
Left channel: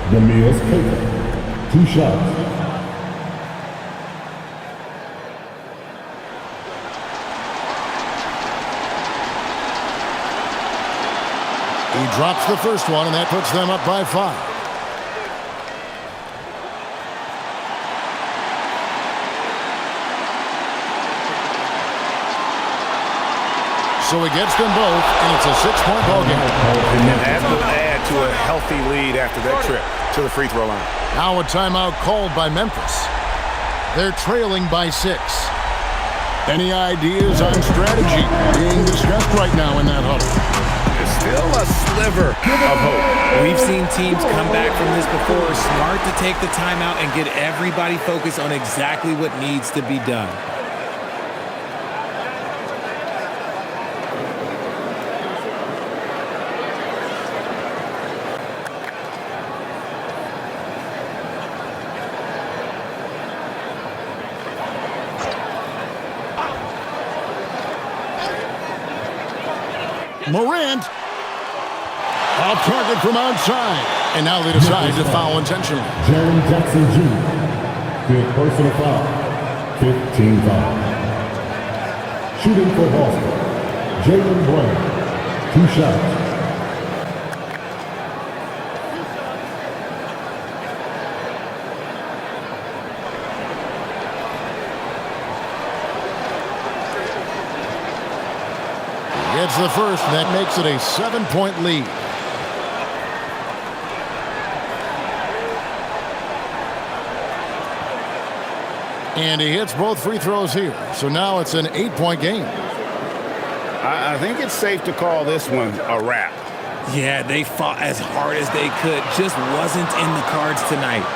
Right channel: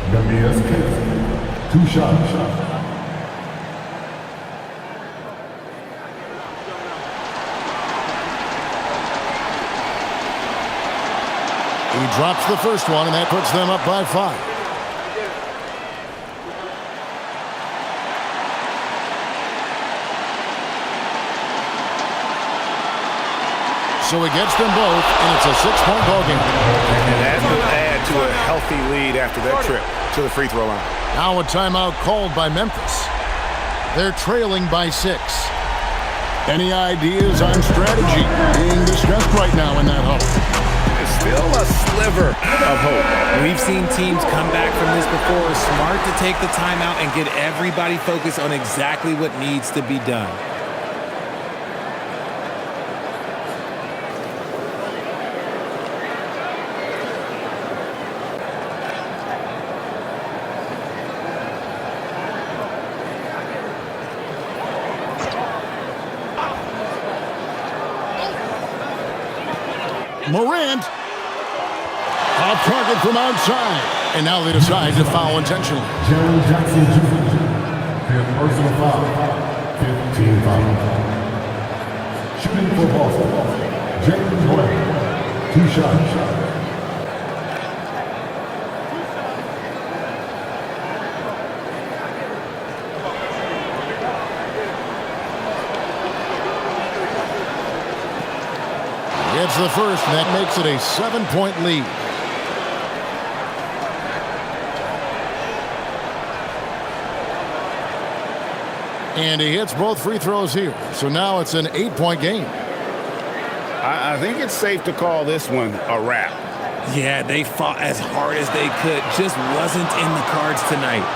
Demias Katangos, 2 shots. He drops the first one, and that puts them up by 5. So he gets them both, and it's a 6-point ball game. And that will add to a healthy lead after that trip to the free throw line. Now a timeout called by Memphis. They're trailing by 6. Any ideas on strategy being discussed right now in that huddle? There's still a sliver of hope. We've seen teams come back from this before. Smart to take the timeout and get everybody focused on exactly what needs to be done. Morant. Off target from outside. And now they decide to foul intentionally. Jerry Jackson Jr. 5th personal foul. 15 foul. Shooting for Boston, Jaylen Brown. 2 shots. It's the first, and that makes it a 7-point lead. And he hits both free throws here. So now it's an 8-point game. I think it's safe to call this one a wrap. Yeah, they fought as hard as they could. Just wasn't in the cards tonight.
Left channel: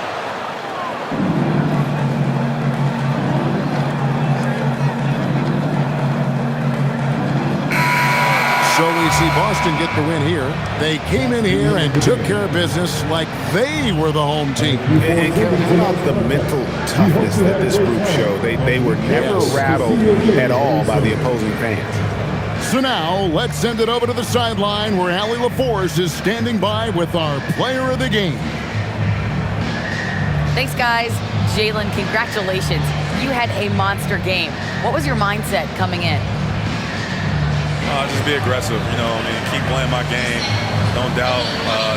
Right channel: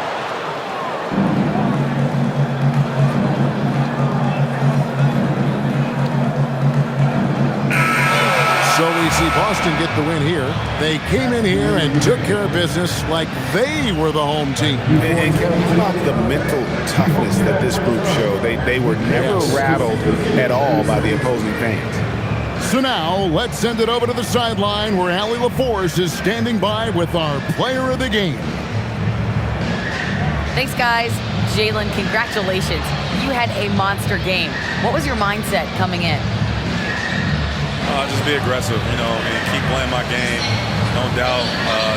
So we see Boston get the win here. They came in here and took care of business like they were the home team. And Kevin, how about the mental toughness that this group showed? They were never rattled at all by the opposing fans. So now let's send it over to the sideline where Allie LaForce is standing by with our player of the game. Thanks, guys. Jaylen, congratulations. You had a monster game. What was your mindset coming in? Just be aggressive, keep playing my game. Don't doubt.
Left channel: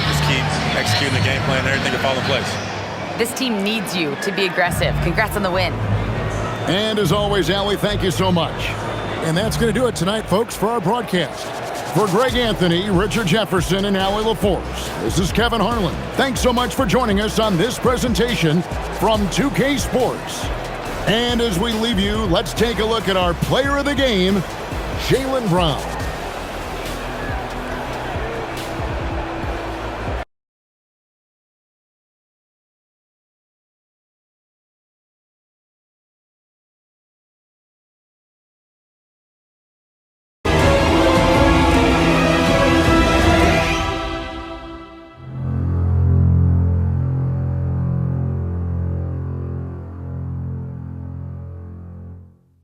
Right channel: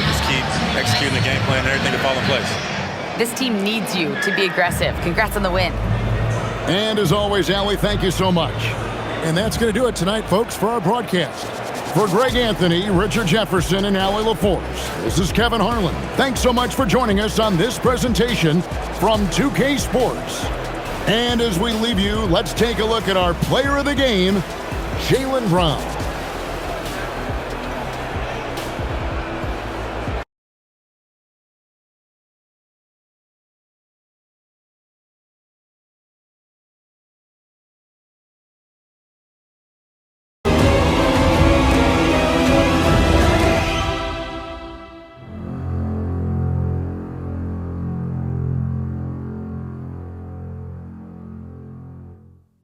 Just keep executing the game plan and everything will fall in place. This team needs you to be aggressive. Congrats on the win. And as always, Allie, thank you so much. And that's going to do it tonight, folks, for our broadcast. For Greg Anthony, Richard Jefferson, and Allie LaForce, this is Kevin Harlan. Thanks so much for joining us on this presentation from 2K Sports. And as we leave you, let's take a look at our player of the game, Jaylen Brown.